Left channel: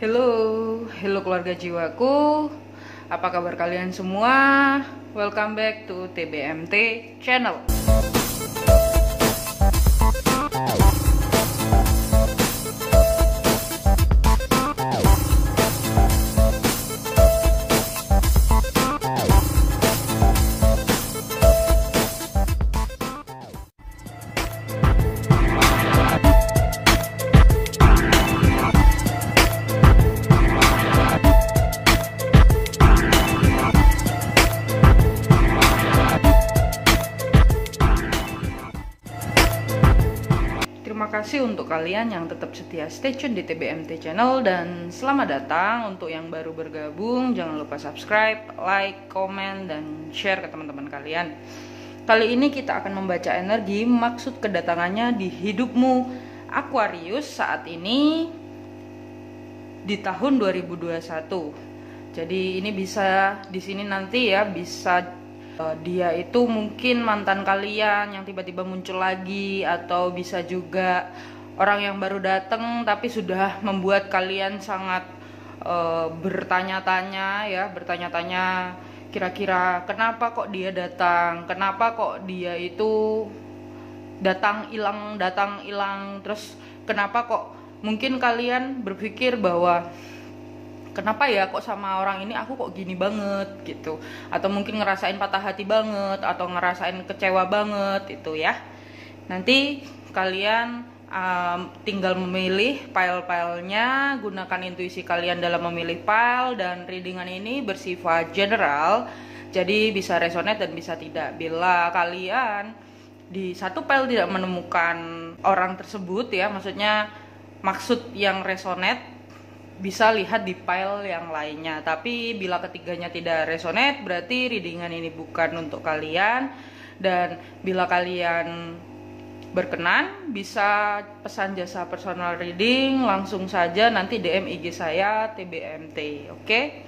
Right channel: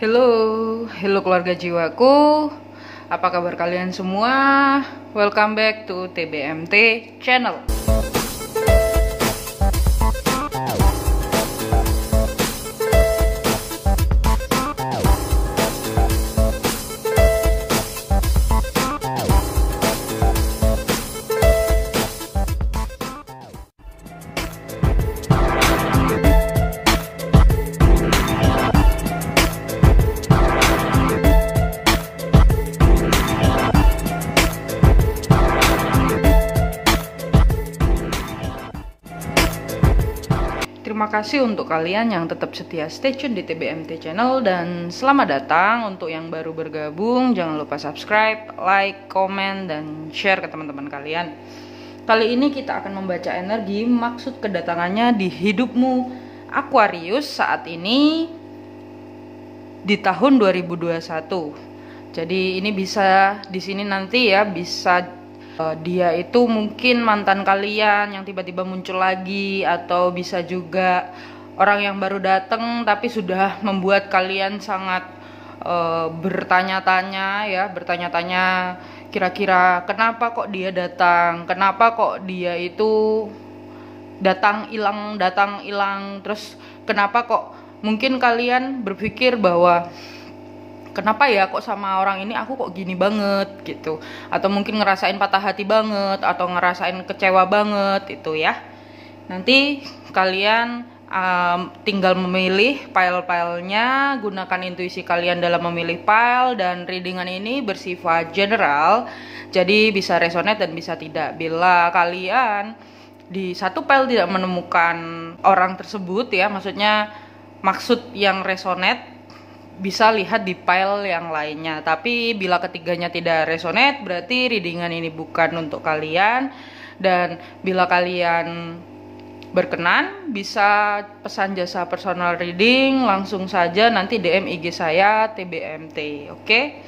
Halo, halo keluarga jiwaku. Apa kabar kalian semua? Welcome back to TBMT channel. Terima kasih untuk kalian yang tetap setia stay tune di TBMT channel, dan selamat datang untuk yang baru bergabung. Jangan lupa subscribe, like, komen, dan share ke teman-teman kalian. Kali ini kita akan membaca energi maksud kedatangannya di hidupmu Aquarius saat ini di tahun 2021. Jadi ini bisa di sini nanti ya, bisa dia itu mungkin mantan kalian yang tiba-tiba muncul lagi, atau bisa juga orang yang baru datang tapi sudah membuat kalian sangat bertanya-tanya kira-kira kenapa kok dia datang, kenapa kok dia itu datang hilang, terus kenapa kok mungkin kalian berpikir bahwa kenapa ya kok sama orang ini aku kok gini banget gitu, atau mungkin ngerasain patah hati banget, atau ngerasain kecewa banget itu ya. Nanti kalian tinggal memilih file-filenya, gunakan intuisi kalian dalam memilih file, dan readingan ini bersifat general, jadi bisa resonate dan bisa tidak. Bila kalian di satu file tidak menemukan orang tersebut ya, maksudnya maksud yang resonate, bisa lihat di file yang lainnya. Tapi bila ketiganya tidak resonate, berarti readingan ini bukan untuk kalian. Dan bila kalian berkenan, bisa pesan jasa personal reading langsung saja, nanti DM IG saya TBMT. Oke?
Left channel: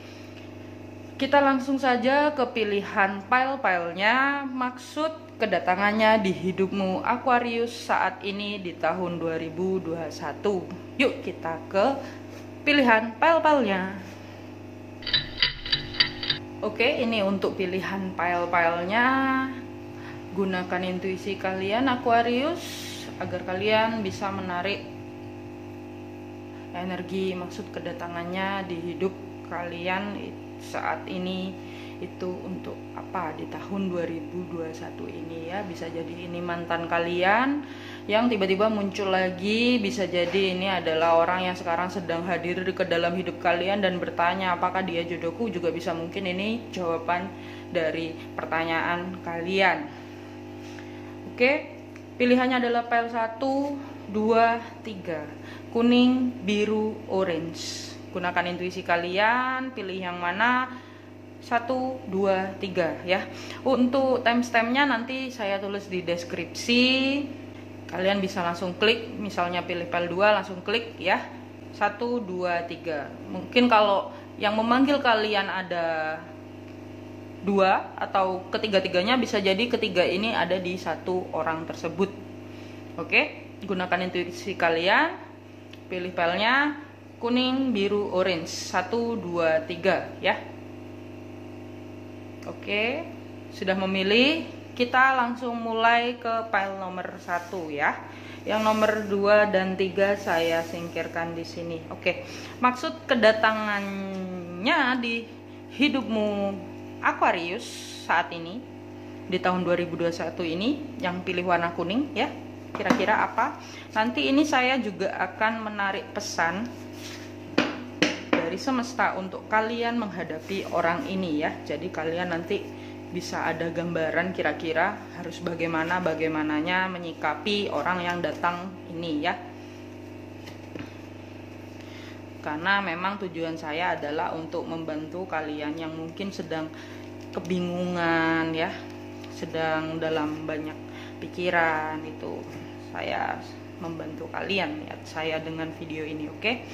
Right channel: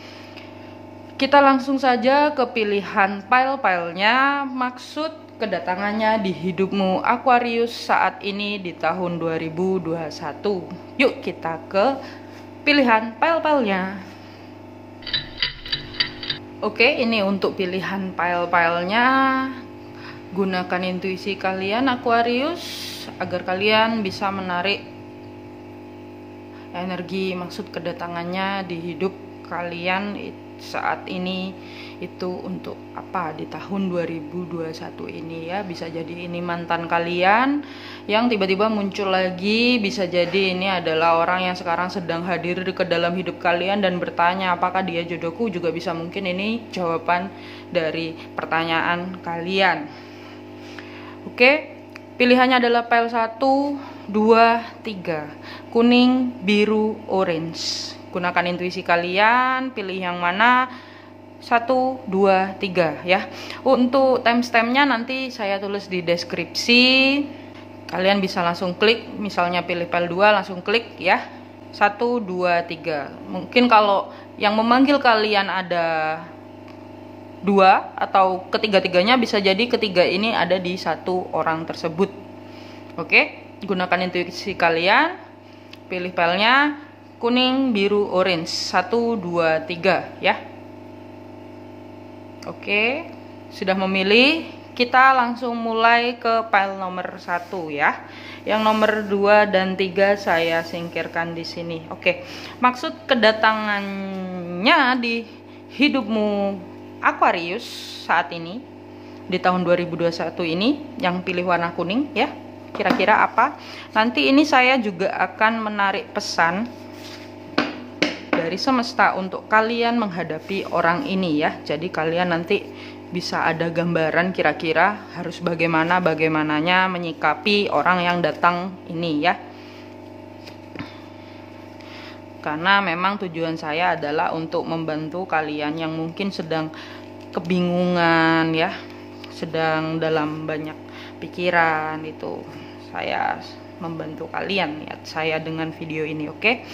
Kita langsung saja ke pilihan file-filenya, maksud kedatangannya di hidupmu Aquarius saat ini di tahun 2021. Yuk kita ke pilihan file-filenya. Oke, ini untuk pilihan file-filenya. Gunakan intuisi kalian Aquarius agar kalian bisa menarik energi maksud kedatangannya di hidup kalian saat ini itu untuk apa di tahun 2021 ini ya. Bisa jadi ini mantan kalian yang tiba-tiba muncul lagi, bisa jadi ini adalah orang yang sekarang sedang hadir ke dalam hidup kalian dan bertanya apakah dia jodohku, juga bisa mungkin ini jawaban dari pertanyaan kalian. Oke, pilihannya adalah file 1, 2, 3, kuning, biru, orange. Gunakan intuisi kalian, pilih yang mana, 1, 2, 3 ya. Untuk timestampnya nanti saya tulis di deskripsi. Kalian bisa langsung klik, misalnya pilih file 2 langsung klik ya. 1, 2, 3. Mungkin kalau yang memanggil kalian ada 2 atau ketiga-tiganya, bisa jadi ketiga ini ada di satu orang tersebut. Oke, gunakan intuisi kalian, pilih filenya kuning, biru, orange, 1, 2, 3 ya. Oke, sudah memilih, kita langsung mulai ke file nomor 1 ya. Yang nomor 2 dan 3 saya singkirkan di sini. Oke, maksud kedatangannya di hidupmu Aquarius saat ini di tahun 2021 ini, yang pilih warna kuning ya. Kira-kira apa? Nanti ini saya juga akan menarik pesan dari semesta untuk kalian menghadapi orang ini ya. Jadi kalian nanti bisa ada gambaran kira-kira harus bagaimananya menyikapi orang yang datang ini ya. Karena memang tujuan saya adalah untuk membantu kalian yang mungkin sedang kebingungan ya, sedang dalam banyak pikiran, itu saya membantu kalian ya, saya dengan video ini. Oke,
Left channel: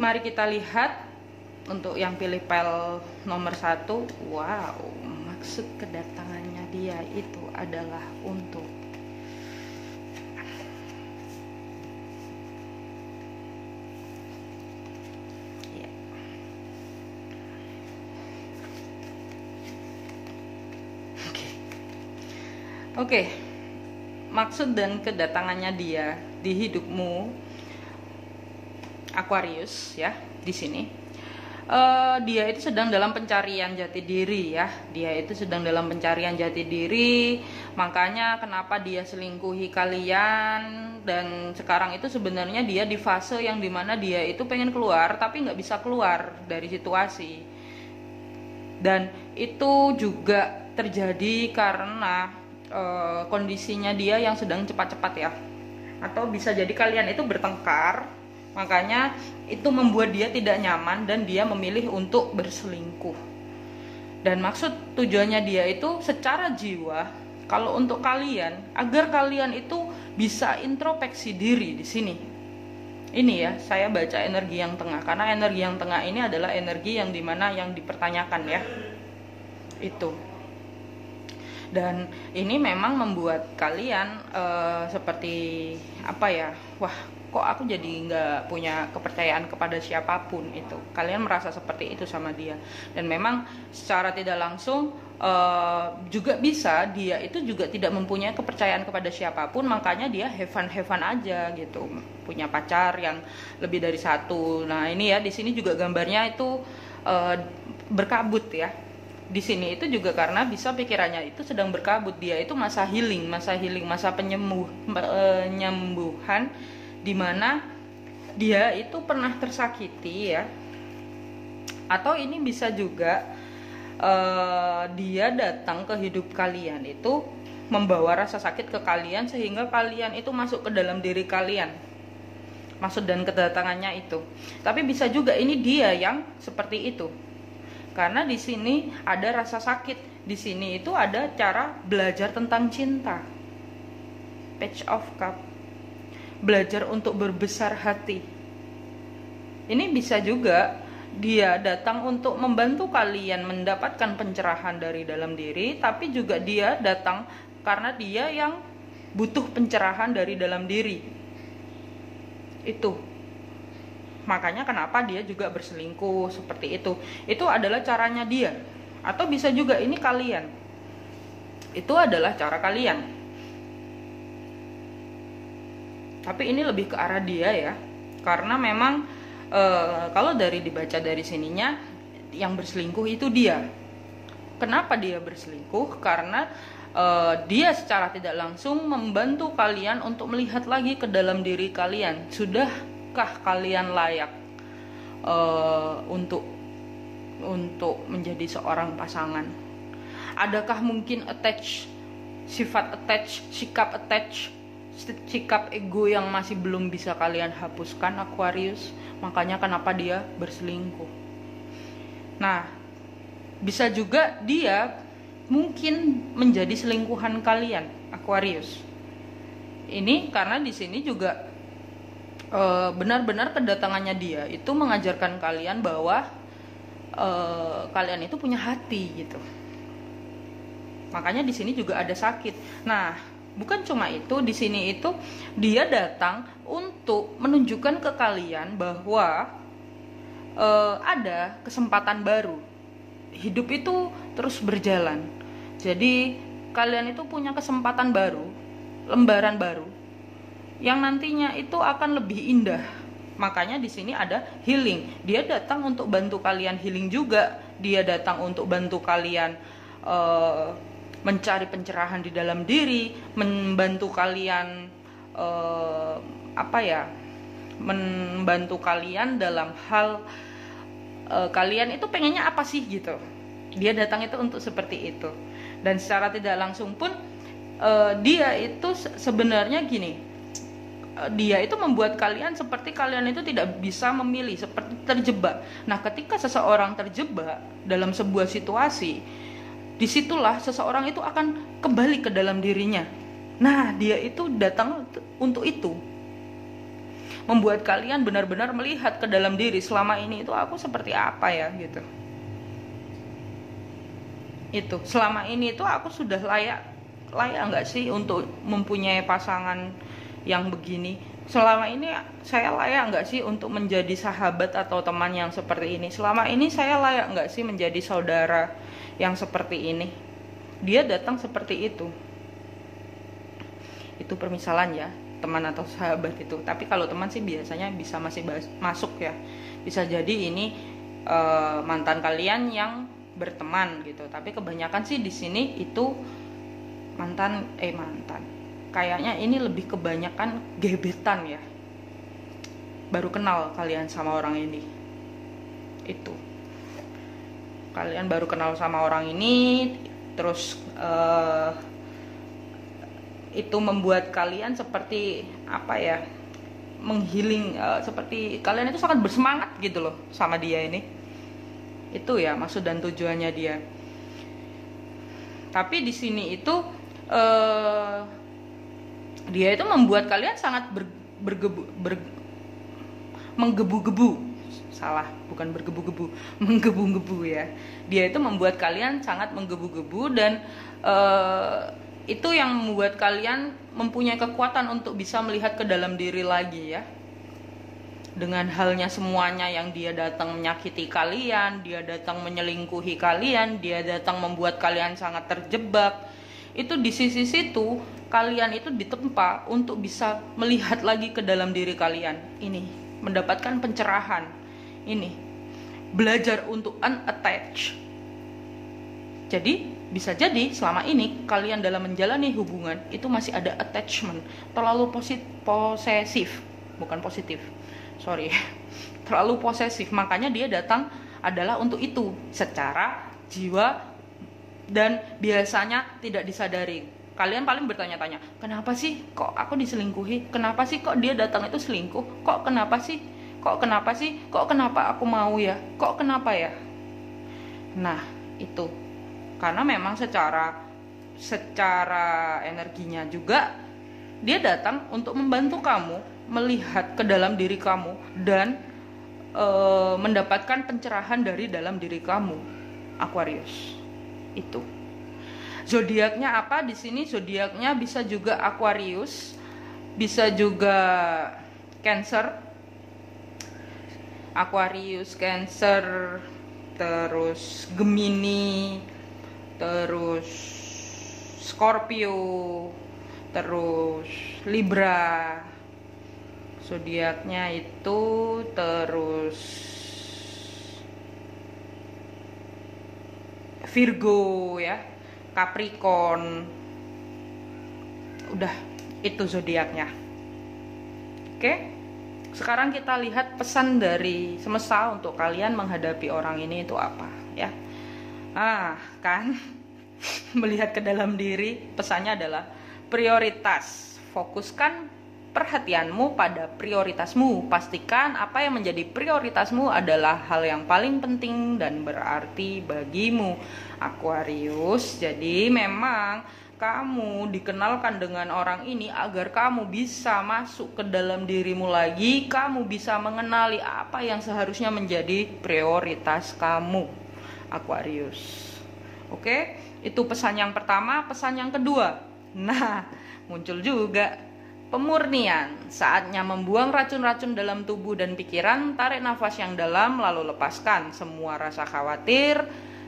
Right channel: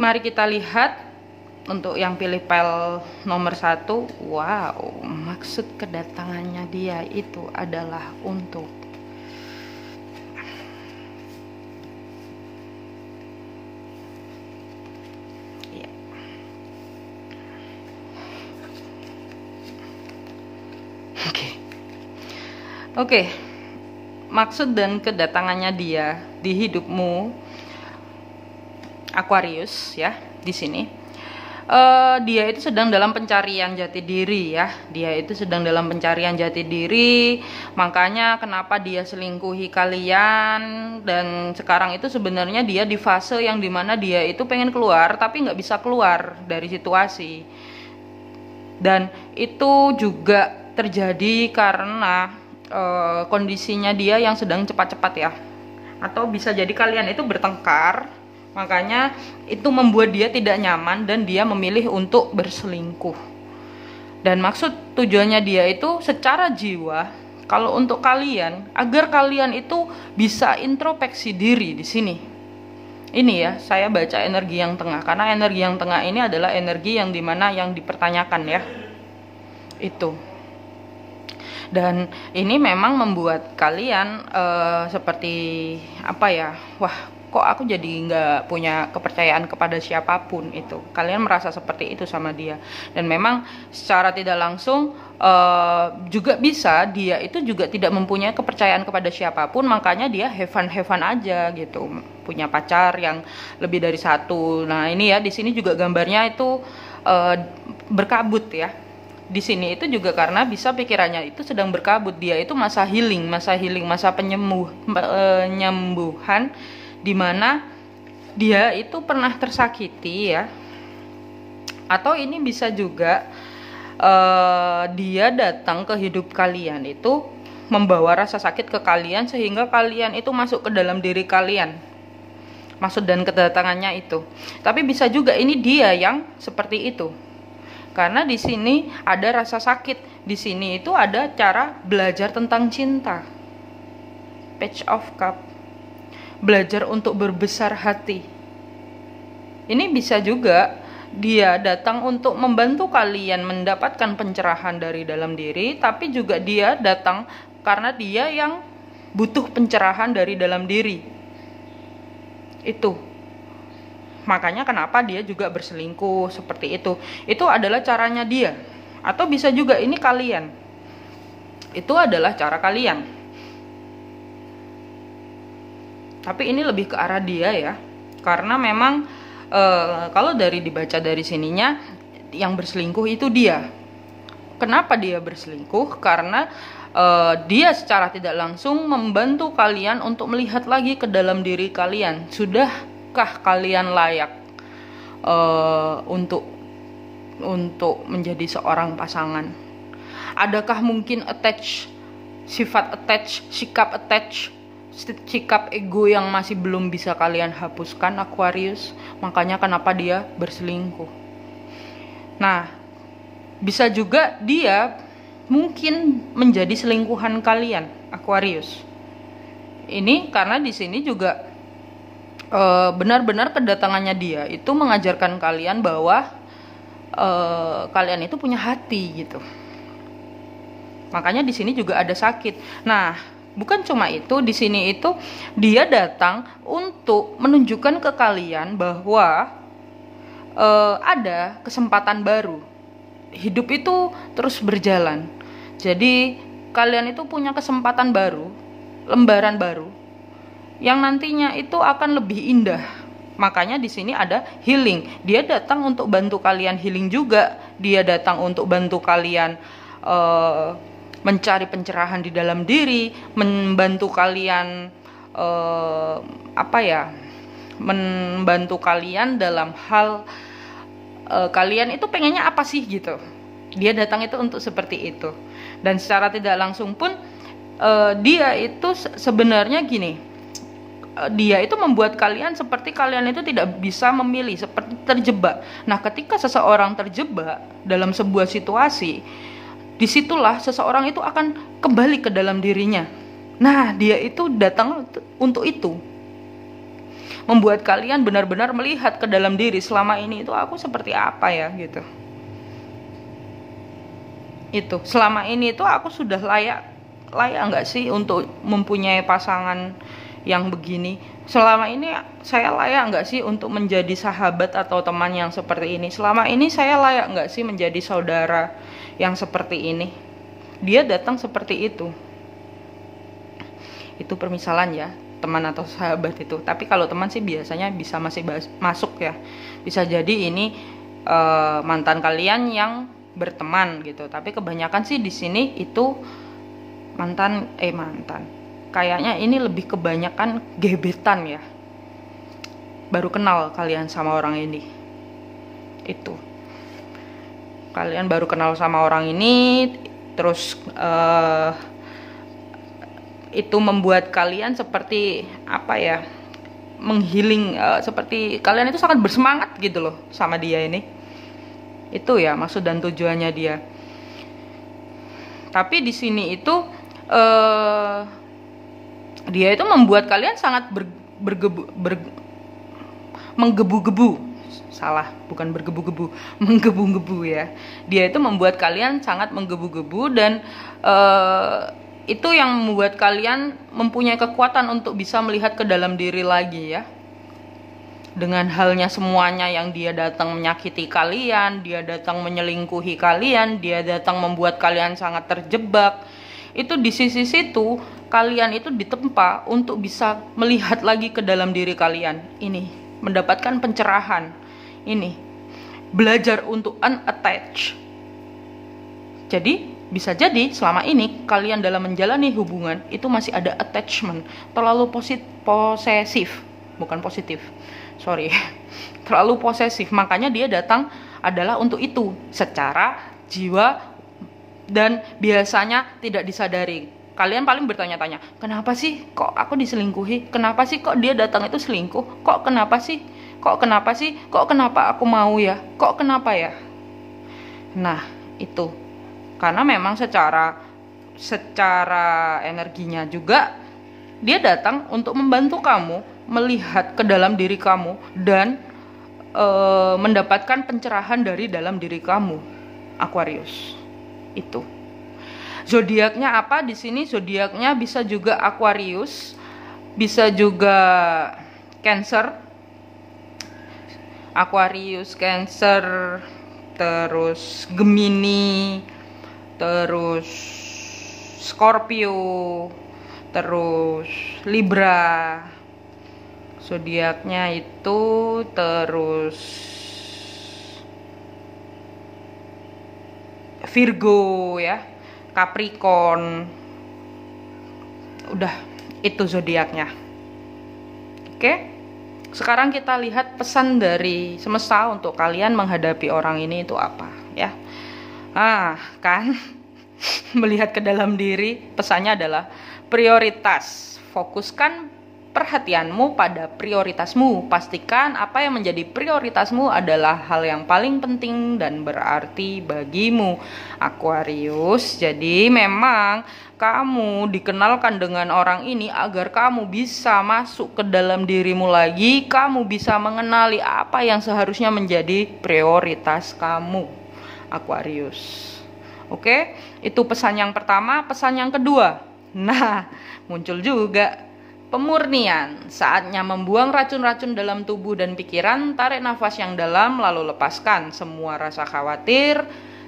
mari kita lihat untuk yang pilih file nomor 1. Wow, maksud kedatangannya dia itu adalah untuk Oke, maksud dan kedatangannya dia di hidupmu Aquarius ya di sini. Dia itu sedang dalam pencarian jati diri ya. Dia itu sedang dalam pencarian jati diri. Makanya kenapa dia selingkuhi kalian. Dan sekarang itu sebenarnya dia di fase yang dimana dia itu pengen keluar tapi nggak bisa keluar dari situasi. Dan itu juga terjadi karena kondisinya dia yang sedang cepat-cepat ya. Atau bisa jadi kalian itu bertengkar. Makanya itu membuat dia tidak nyaman dan dia memilih untuk berselingkuh. Dan maksud tujuannya dia itu secara jiwa, kalau untuk kalian, agar kalian itu bisa introspeksi diri di sini. Ini ya, saya baca energi yang tengah, karena energi yang tengah ini adalah energi yang dimana yang dipertanyakan ya. Itu. Dan ini memang membuat kalian seperti apa ya, wah kok aku jadi nggak punya kepercayaan kepada siapapun itu. Kalian merasa seperti itu sama dia. Dan memang secara tidak langsung juga bisa dia itu juga tidak mempunyai kepercayaan kepada siapapun, makanya dia have fun aja gitu, punya pacar yang lebih dari satu. Nah ini ya di sini juga gambarnya itu berkabut ya. Di sini itu juga karena bisa pikirannya itu sedang berkabut, dia itu masa healing, masa penyembuhan, dimana dia itu pernah tersakiti ya. Atau ini bisa juga dia datang ke hidup kalian itu membawa rasa sakit ke kalian sehingga kalian itu masuk ke dalam diri kalian. Maksud dan kedatangannya itu. Tapi bisa juga ini dia yang seperti itu. Karena di sini ada rasa sakit, di sini itu ada cara belajar tentang cinta. Page of Cup. Belajar untuk berbesar hati. Ini bisa juga dia datang untuk membantu kalian mendapatkan pencerahan dari dalam diri, tapi juga dia datang karena dia yang butuh pencerahan dari dalam diri. Itu. Makanya kenapa dia juga berselingkuh seperti itu. Itu adalah caranya dia. Atau bisa juga ini kalian. Itu adalah cara kalian. Tapi ini lebih ke arah dia ya. Karena memang kalau dibaca dari sininya, yang berselingkuh itu dia. Kenapa dia berselingkuh? Karena dia secara tidak langsung membantu kalian untuk melihat lagi ke dalam diri kalian. Sudahkah kalian layak untuk menjadi seorang pasangan? Adakah mungkin sikap ego yang masih belum bisa kalian hapuskan, Aquarius? Makanya kenapa dia berselingkuh. Nah, bisa juga dia mungkin menjadi selingkuhan kalian, Aquarius. Ini karena di sini juga benar-benar kedatangannya dia itu mengajarkan kalian bahwa kalian itu punya hati gitu. Makanya di sini juga ada sakit. Nah, bukan cuma itu, di sini itu dia datang untuk menunjukkan ke kalian bahwa ada kesempatan baru. Hidup itu terus berjalan. Jadi kalian itu punya kesempatan baru, lembaran baru yang nantinya itu akan lebih indah. Makanya di sini ada healing. Dia datang untuk bantu kalian healing juga. Dia datang untuk bantu kalian mencari pencerahan di dalam diri, membantu kalian membantu kalian dalam hal kalian itu pengennya apa sih gitu. Dia datang itu untuk seperti itu. Dan secara tidak langsung pun dia itu sebenarnya gini. Dia itu membuat kalian seperti kalian itu tidak bisa memilih, seperti terjebak. Nah, ketika seseorang terjebak dalam sebuah situasi, disitulah seseorang itu akan kembali ke dalam dirinya. Nah, dia itu datang untuk itu, membuat kalian benar-benar melihat ke dalam diri. Selama ini itu aku seperti apa ya gitu. Itu selama ini itu aku sudah layak nggak sih untuk mempunyai pasangan yang begini? Selama ini saya layak nggak sih untuk menjadi sahabat atau teman yang seperti ini? Selama ini saya layak nggak sih menjadi saudara yang seperti ini? Dia datang seperti itu. Itu permisalan ya, teman atau sahabat itu. Tapi kalau teman sih biasanya bisa masih masuk ya. Bisa jadi ini mantan kalian yang berteman gitu. Tapi kebanyakan sih di sini itu mantan. Kayaknya ini lebih kebanyakan gebetan ya. Baru kenal kalian sama orang ini. Itu. Kalian baru kenal sama orang ini, terus itu membuat kalian seperti apa ya, menghealing, seperti kalian itu sangat bersemangat gitu loh sama dia ini. Itu ya maksud dan tujuannya dia. Tapi di sini itu dia itu membuat kalian sangat menggebu-gebu. Salah, bukan bergebu-gebu, menggebu-gebu ya. Dia itu membuat kalian sangat menggebu-gebu, dan itu yang membuat kalian mempunyai kekuatan untuk bisa melihat ke dalam diri lagi ya. Dengan halnya semuanya yang dia datang menyakiti kalian, dia datang menyelingkuhi kalian, dia datang membuat kalian sangat terjebak. Itu di sisi situ kalian itu ditempa untuk bisa melihat lagi ke dalam diri kalian. Ini mendapatkan pencerahan. Ini belajar untuk unattach. Jadi bisa jadi selama ini kalian dalam menjalani hubungan itu masih ada attachment, terlalu posesif, bukan positif, sorry, terlalu posesif. Makanya dia datang adalah untuk itu secara jiwa, dan biasanya tidak disadari. Kalian paling bertanya-tanya, kenapa sih kok aku diselingkuhi? Kenapa sih kok dia datang itu selingkuh? Kok kenapa sih? Kok kenapa aku mau ya? Kok kenapa ya? Nah, itu. Karena memang secara energinya juga dia datang untuk membantu kamu melihat ke dalam diri kamu dan mendapatkan pencerahan dari dalam diri kamu, Aquarius. Itu. Zodiaknya apa di sini? Zodiaknya bisa juga Aquarius, bisa juga Cancer. Aquarius, Cancer, terus Gemini, terus Scorpio, terus Libra. Zodiaknya itu terus Virgo ya, Capricorn. Udah, itu zodiaknya. Oke? Sekarang kita lihat pesan dari semesta untuk kalian menghadapi orang ini itu apa ya. Kan melihat ke dalam diri, pesannya adalah prioritas. Fokuskan perhatianmu pada prioritasmu. Pastikan apa yang menjadi prioritasmu adalah hal yang paling penting dan berarti bagimu, Aquarius. Jadi memang kamu dikenalkan dengan orang ini agar kamu bisa masuk ke dalam dirimu lagi. Kamu bisa mengenali apa yang seharusnya menjadi prioritas kamu, Aquarius. Oke, itu pesan yang pertama. Pesan yang kedua, nah muncul juga pemurnian. Saatnya membuang racun-racun dalam tubuh dan pikiran. Tarik nafas yang dalam lalu lepaskan semua rasa khawatir,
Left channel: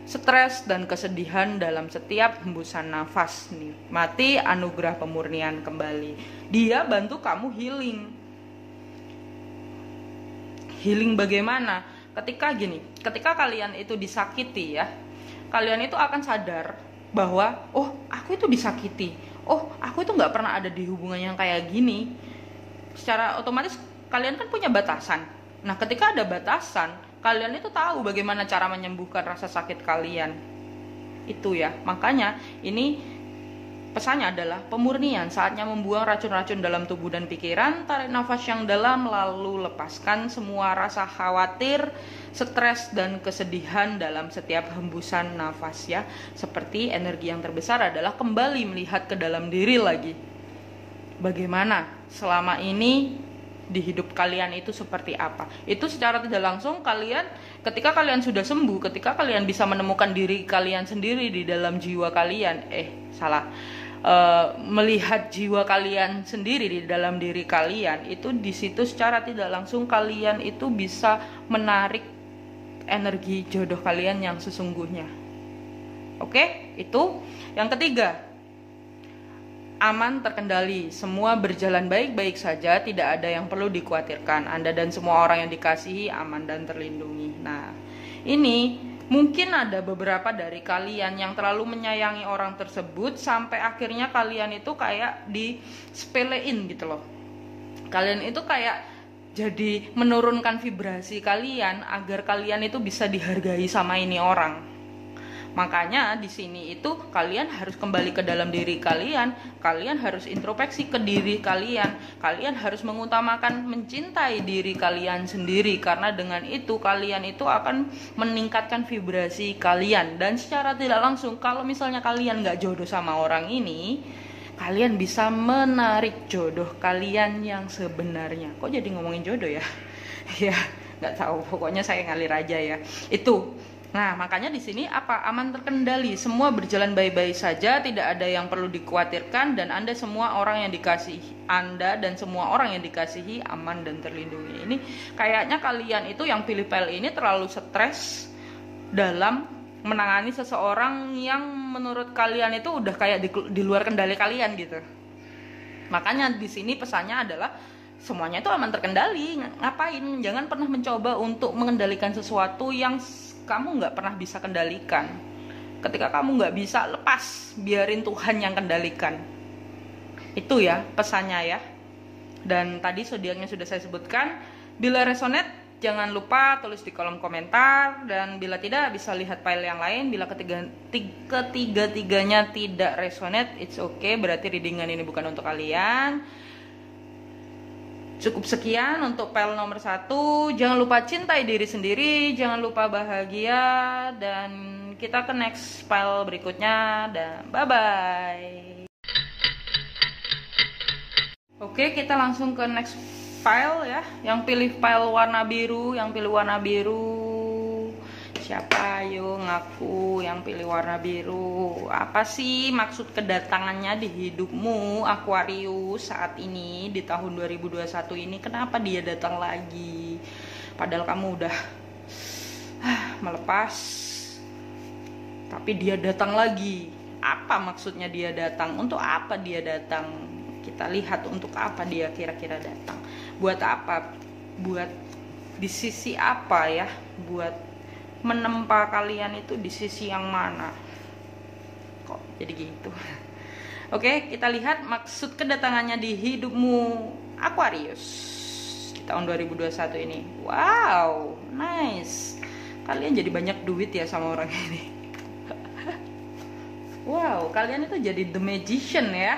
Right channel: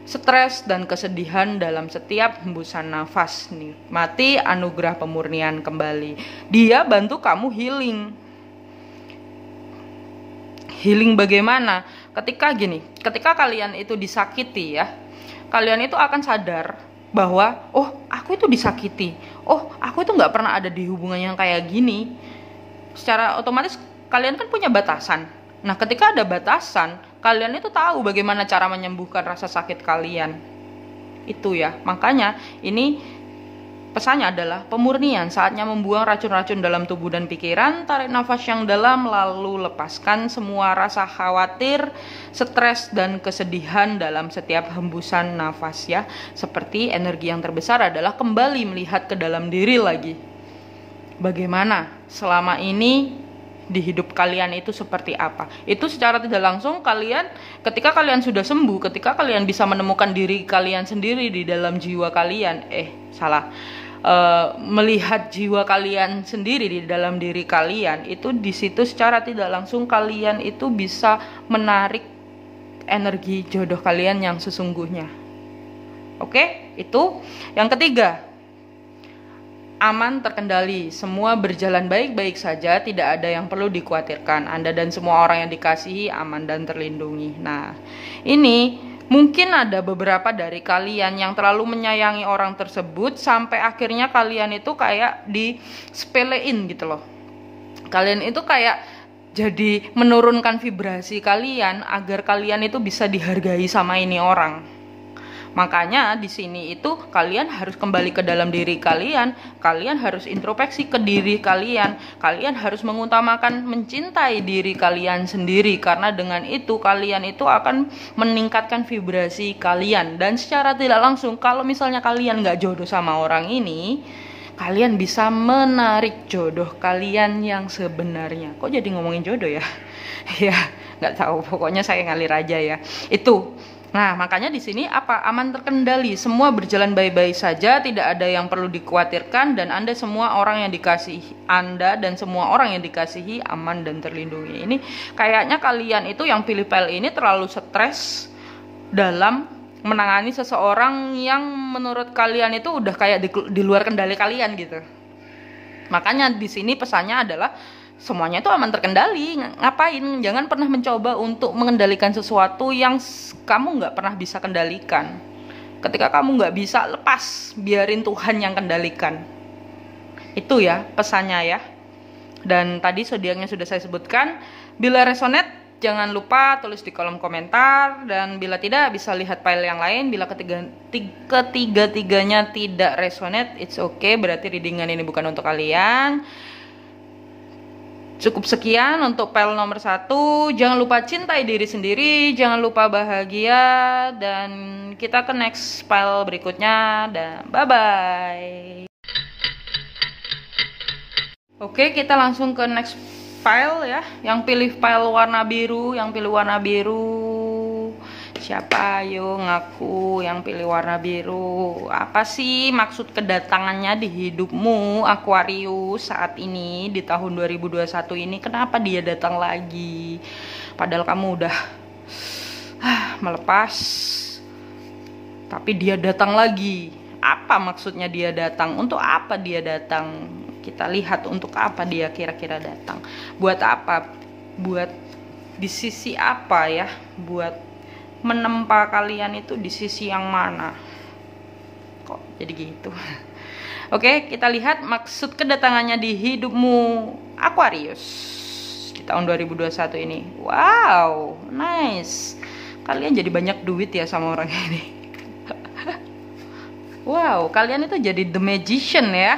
stres dan kesedihan dalam setiap hembusan nafas. Nikmati anugerah pemurnian kembali. Dia bantu kamu healing. Healing bagaimana? Ketika kalian itu disakiti ya, kalian itu akan sadar bahwa aku itu disakiti, aku itu nggak pernah ada di hubungan yang kayak gini. Secara otomatis kalian kan punya batasan. Nah, ketika ada batasan, kalian itu tahu bagaimana cara menyembuhkan rasa sakit kalian. Itu ya, makanya ini pesannya adalah pemurnian. Saatnya membuang racun-racun dalam tubuh dan pikiran. Tarik nafas yang dalam lalu lepaskan semua rasa khawatir, stres dan kesedihan dalam setiap hembusan nafas ya. Seperti energi yang terbesar adalah kembali melihat ke dalam diri lagi. Bagaimana selama ini di hidup kalian itu seperti apa? Itu secara tidak langsung kalian, ketika kalian sudah sembuh, ketika kalian bisa menemukan diri kalian sendiri di dalam jiwa kalian, melihat jiwa kalian sendiri di dalam diri kalian, itu di situ secara tidak langsung kalian itu bisa menarik energi jodoh kalian yang sesungguhnya. Oke, itu yang ketiga. aman, terkendali, semua berjalan baik-baik saja, tidak ada yang perlu dikhawatirkan. Anda dan semua orang yang dikasihi aman dan terlindungi. Nah, ini mungkin ada beberapa dari kalian yang terlalu menyayangi orang tersebut sampai akhirnya kalian itu kayak disepelein gitu loh. Kalian itu kayak jadi menurunkan vibrasi kalian agar kalian itu bisa dihargai sama ini orang. Makanya di sini itu kalian harus kembali ke dalam diri kalian, kalian harus introspeksi ke diri kalian, kalian harus mengutamakan mencintai diri kalian sendiri, karena dengan itu kalian itu akan meningkatkan vibrasi kalian. Dan secara tidak langsung, kalau misalnya kalian gak jodoh sama orang ini, kalian bisa menarik jodoh kalian yang sebenarnya. Kok jadi ngomongin jodoh ya? Ya gak tahu, pokoknya saya ngalir aja ya. Itu. Nah, makanya di sini apa? Aman, terkendali, semua berjalan baik-baik saja, tidak ada yang perlu dikhawatirkan, dan Anda semua orang yang dikasihi, Anda dan semua orang yang dikasihi aman dan terlindungi. Ini kayaknya kalian itu yang pilih PL ini terlalu stres dalam menangani seseorang yang menurut kalian itu udah kayak di luar kendali kalian gitu. Makanya di sini pesannya adalah semuanya itu aman, terkendali. Ngapain? Jangan pernah mencoba untuk mengendalikan sesuatu yang kamu nggak pernah bisa kendalikan. Ketika kamu nggak bisa, lepas, biarin Tuhan yang kendalikan. Itu ya pesannya ya. Dan tadi zodiaknya sudah saya sebutkan. Bila resonate, jangan lupa tulis di kolom komentar. Dan bila tidak, bisa lihat file yang lain. Bila ketiga-tiganya tidak resonate, it's okay, berarti readingan ini bukan untuk kalian. Cukup sekian untuk file nomor 1. Jangan lupa cintai diri sendiri, jangan lupa bahagia, dan kita ke next file berikutnya, dan bye bye. Oke, kita langsung ke next file ya. Yang pilih file warna biru, siapa? Ayo ngaku yang pilih warna biru. Apa sih maksud kedatangannya di hidupmu Aquarius saat ini di tahun 2021 ini? Kenapa dia datang lagi? Padahal kamu udah melepas, tapi dia datang lagi. Apa maksudnya dia datang? Untuk apa dia datang? Kita lihat untuk apa dia kira-kira datang. Buat apa? Buat di sisi apa ya? Buat menempa kalian itu di sisi yang mana? Kok jadi gitu? Oke, kita lihat maksud kedatangannya di hidupmu Aquarius di tahun 2021 ini. Wow, nice. Kalian jadi banyak duit ya sama orang ini. Wow, kalian itu jadi the magician ya.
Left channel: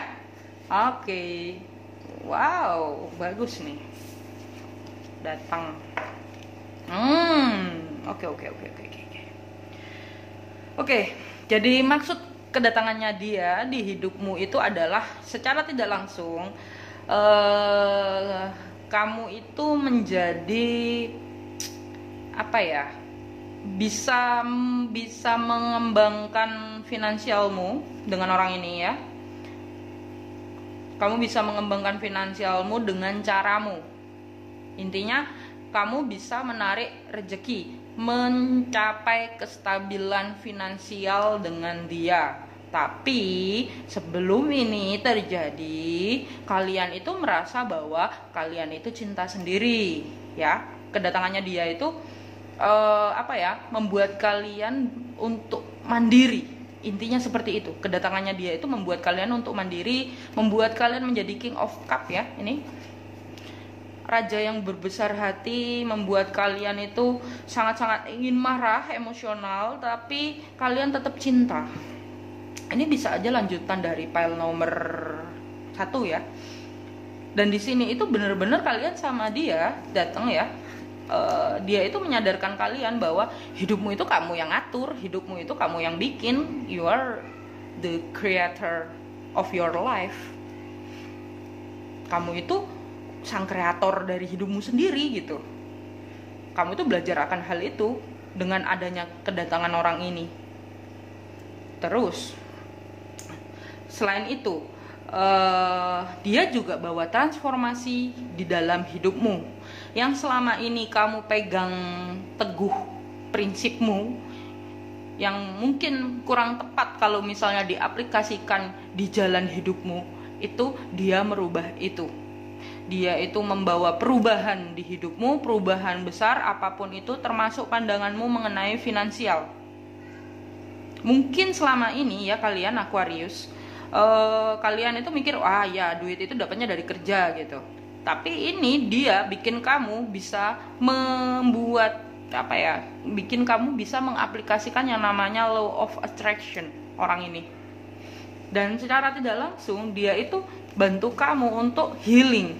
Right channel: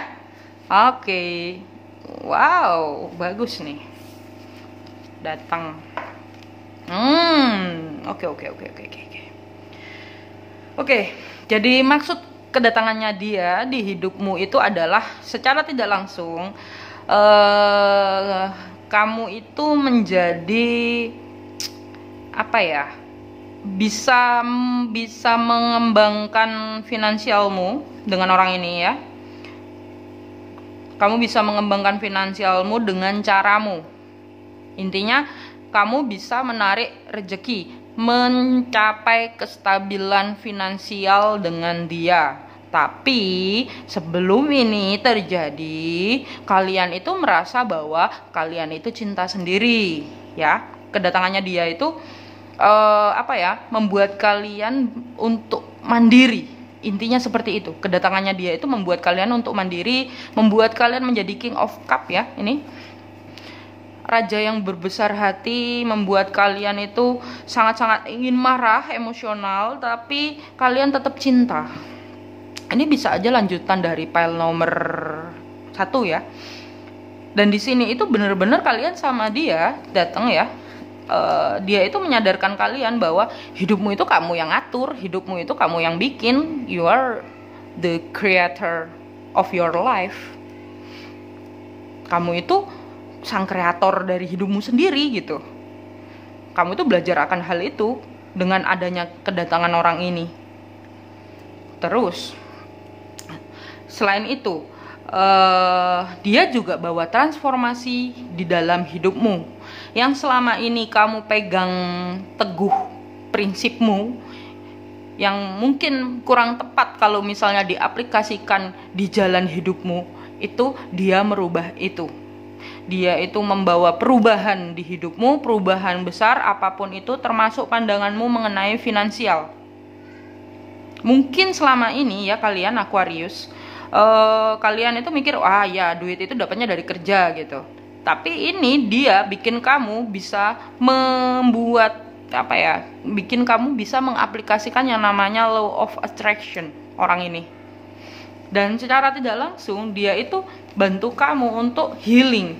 Oke. Wow, bagus nih. Datang. Oke, jadi maksud kedatangannya dia di hidupmu itu adalah secara tidak langsung kamu itu menjadi apa ya? Bisa mengembangkan finansialmu dengan orang ini ya. Kamu bisa mengembangkan finansialmu dengan caramu. Intinya kamu bisa menarik rezeki, mencapai kestabilan finansial dengan dia. Tapi sebelum ini terjadi, kalian itu merasa bahwa kalian itu cinta sendiri, ya. Kedatangannya dia itu membuat kalian untuk mandiri. Intinya seperti itu. Kedatangannya dia itu membuat kalian untuk mandiri, membuat kalian menjadi King of Cup ya. Ini raja yang berbesar hati, membuat kalian itu sangat-sangat ingin marah, emosional, tapi kalian tetap cinta. Ini bisa aja lanjutan dari file nomor 1 ya. Dan di sini itu benar-benar kalian sama dia datang ya. Dia itu menyadarkan kalian bahwa hidupmu itu kamu yang atur, hidupmu itu kamu yang bikin. You are the creator of your life. Kamu itu sang kreator dari hidupmu sendiri gitu. Kamu itu belajar akan hal itu dengan adanya kedatangan orang ini. Terus selain itu dia juga bawa transformasi di dalam hidupmu yang selama ini kamu pegang teguh prinsipmu yang mungkin kurang tepat kalau misalnya diaplikasikan di jalan hidupmu. itu dia merubah itu. Dia itu membawa perubahan di hidupmu, perubahan besar apapun itu, termasuk pandanganmu mengenai finansial. Mungkin selama ini ya kalian Aquarius, kalian itu mikir, wah ya duit itu dapatnya dari kerja gitu. Tapi ini dia bikin kamu bisa membuat bikin kamu bisa mengaplikasikan yang namanya law of attraction orang ini. Dan secara tidak langsung dia itu bantu kamu untuk healing,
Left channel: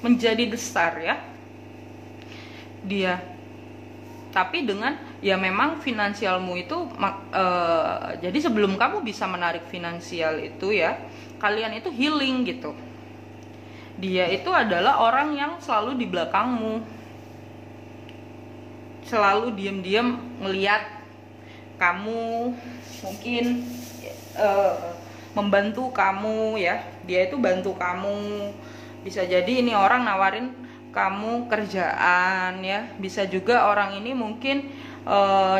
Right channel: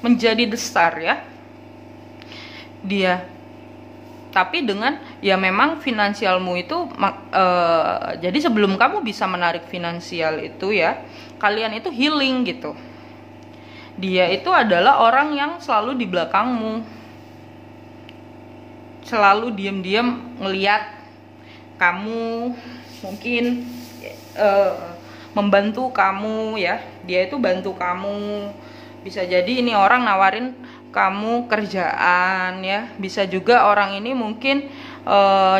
menjadi the star ya. Dia tapi dengan ya memang finansialmu itu jadi sebelum kamu bisa menarik finansial itu ya, kalian itu healing gitu. Dia itu adalah orang yang selalu di belakangmu, selalu diam-diam ngeliat kamu, mungkin membantu kamu ya. Dia itu bantu kamu. Bisa jadi ini orang nawarin kamu kerjaan ya. Bisa juga orang ini mungkin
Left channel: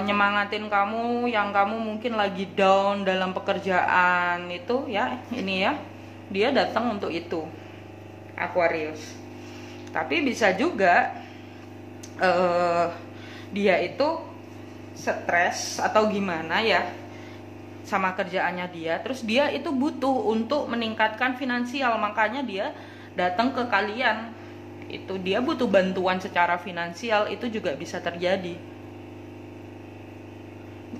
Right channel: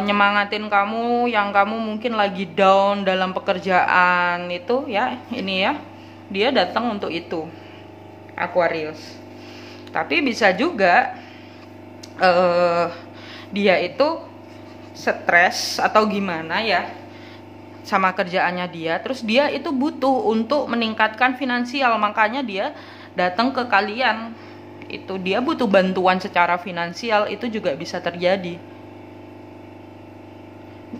nyemangatin kamu yang kamu mungkin lagi down dalam pekerjaan itu ya. Ini ya, dia datang untuk itu, Aquarius. Tapi bisa juga dia itu stres atau gimana ya sama kerjaannya dia, terus dia itu butuh untuk meningkatkan finansial, makanya dia datang ke kalian. Itu dia butuh bantuan secara finansial, itu juga bisa terjadi.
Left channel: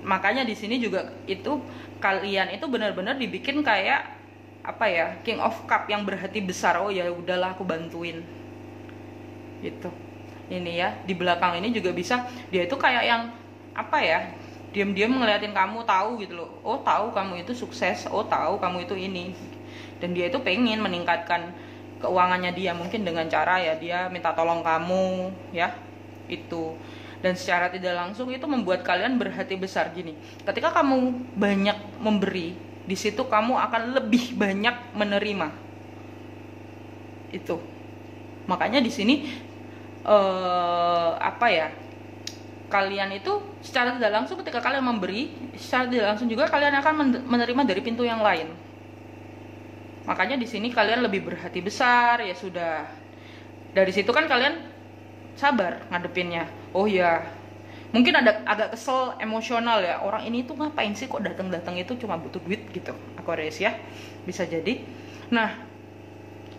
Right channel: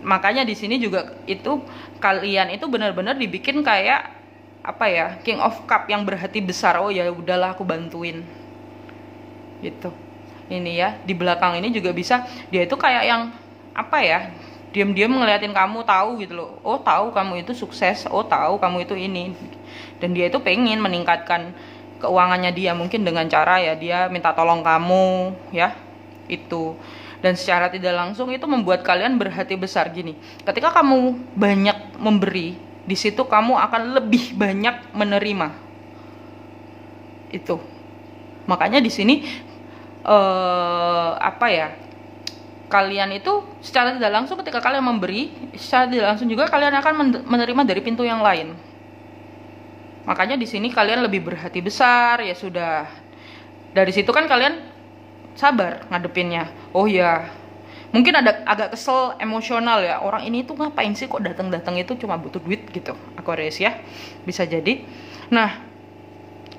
Makanya di sini juga itu kalian itu benar-benar dibikin kayak King of Cup yang berhati besar. Oh ya udahlah aku bantuin gitu. Ini ya, di belakang ini juga bisa dia itu kayak yang diam-diam ngeliatin kamu, tahu gitu loh. Oh tahu kamu itu sukses, oh tahu kamu itu ini. Dan dia itu pengen meningkatkan keuangannya dia, mungkin dengan cara ya dia minta tolong kamu ya itu. Dan secara tidak langsung itu membuat kalian berhati besar gini. Ketika kamu banyak memberi, di situ kamu akan lebih banyak menerima. Itu. Makanya di sini kalian itu secara tidak langsung ketika kalian memberi, secara tidak langsung juga kalian akan menerima dari pintu yang lain. Makanya di sini kalian lebih berhati besar ya sudah. Dari situ kan kalian sabar ngadepinnya. Oh ya, mungkin ada agak kesel, emosional ya. Orang ini tuh ngapain sih kok datang-datang itu cuma butuh duit gitu, Aquarius ya. Bisa jadi. Nah,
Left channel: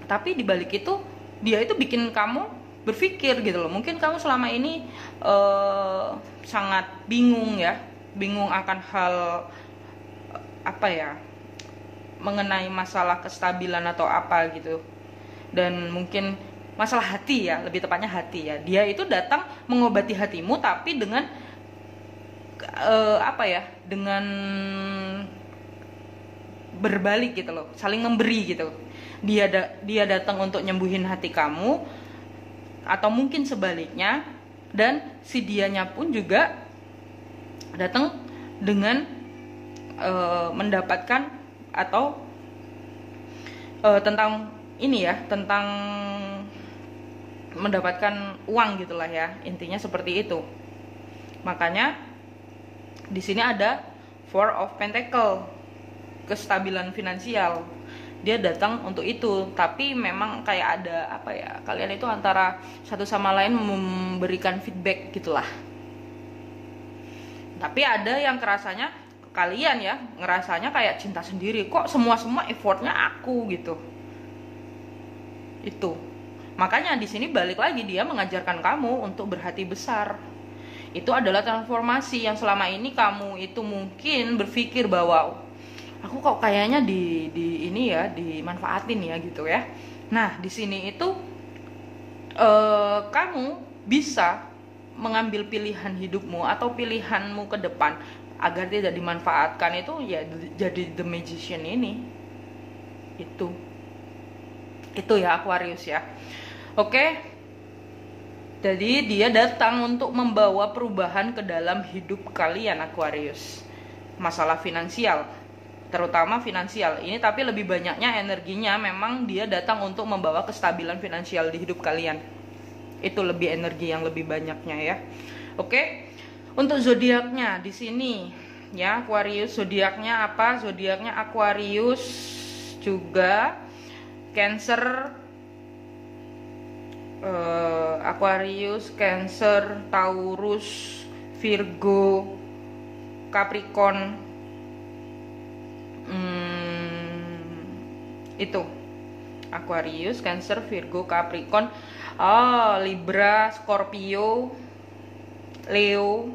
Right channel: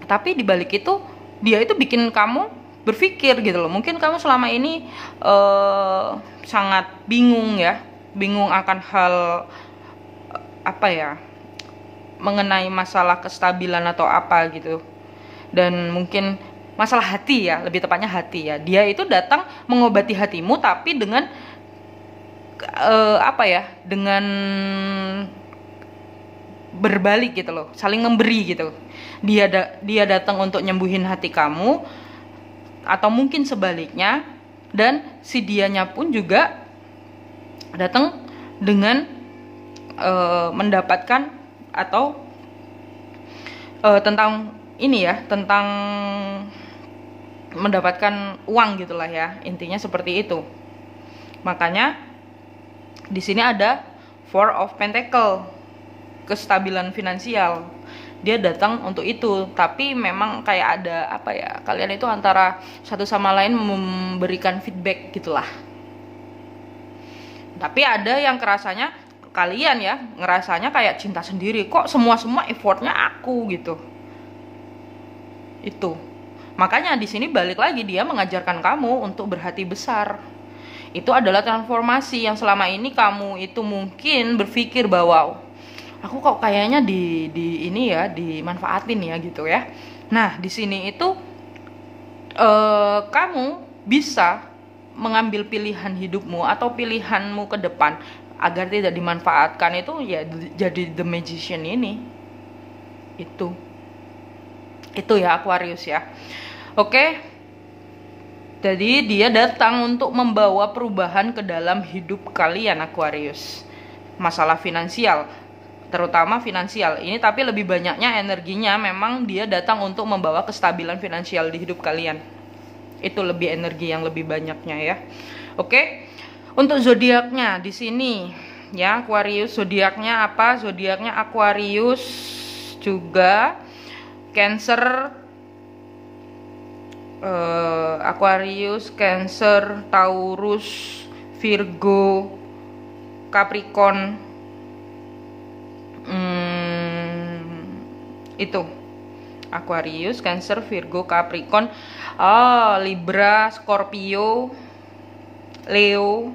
tapi dibalik itu dia itu bikin kamu berpikir gitu loh. Mungkin kamu selama ini sangat bingung ya, bingung akan hal mengenai masalah kestabilan atau apa gitu. Dan mungkin masalah hati ya, lebih tepatnya hati ya. Dia itu datang mengobati hatimu tapi dengan dengan berbalik gitu loh, saling memberi gitu. Dia datang untuk nyembuhin hati kamu, atau mungkin sebaliknya, dan si dianya pun juga datang dengan mendapatkan atau tentang ini ya, tentang mendapatkan uang gitulah ya, intinya seperti itu. Makanya di sini ada Four of Pentacle, kestabilan finansial. Dia datang untuk itu, tapi memang kayak ada kalian itu antara satu sama lain memberikan feedback gitulah. Tapi ada yang kerasanya kalian ya ngerasanya kayak cinta sendiri, kok semua effortnya aku gitu. Itu makanya di sini balik lagi dia mengajarkan kamu untuk berhati besar. Itu adalah transformasi yang selama ini kamu itu mungkin berpikir bahwa aku kok kayaknya dimanfaatin ya gitu ya. Nah di sini itu kamu bisa mengambil pilihan hidupmu atau pilihanmu ke depan agar tidak dimanfaatkan, itu ya jadi the magician ini. Itu ya Aquarius ya. Oke. Jadi dia datang untuk membawa perubahan ke dalam hidup kalian Aquarius. Masalah finansial, terutama finansial ini, tapi lebih banyaknya energinya memang dia datang untuk membawa kestabilan finansial di hidup kalian. Itu lebih energi yang lebih banyaknya ya. Oke. Untuk zodiaknya di sini ya Aquarius, zodiaknya apa? Zodiaknya Aquarius juga Cancer, Aquarius, Cancer, Taurus, Virgo, Capricorn, itu Aquarius, Cancer, Virgo, Capricorn, Libra, Scorpio, Leo,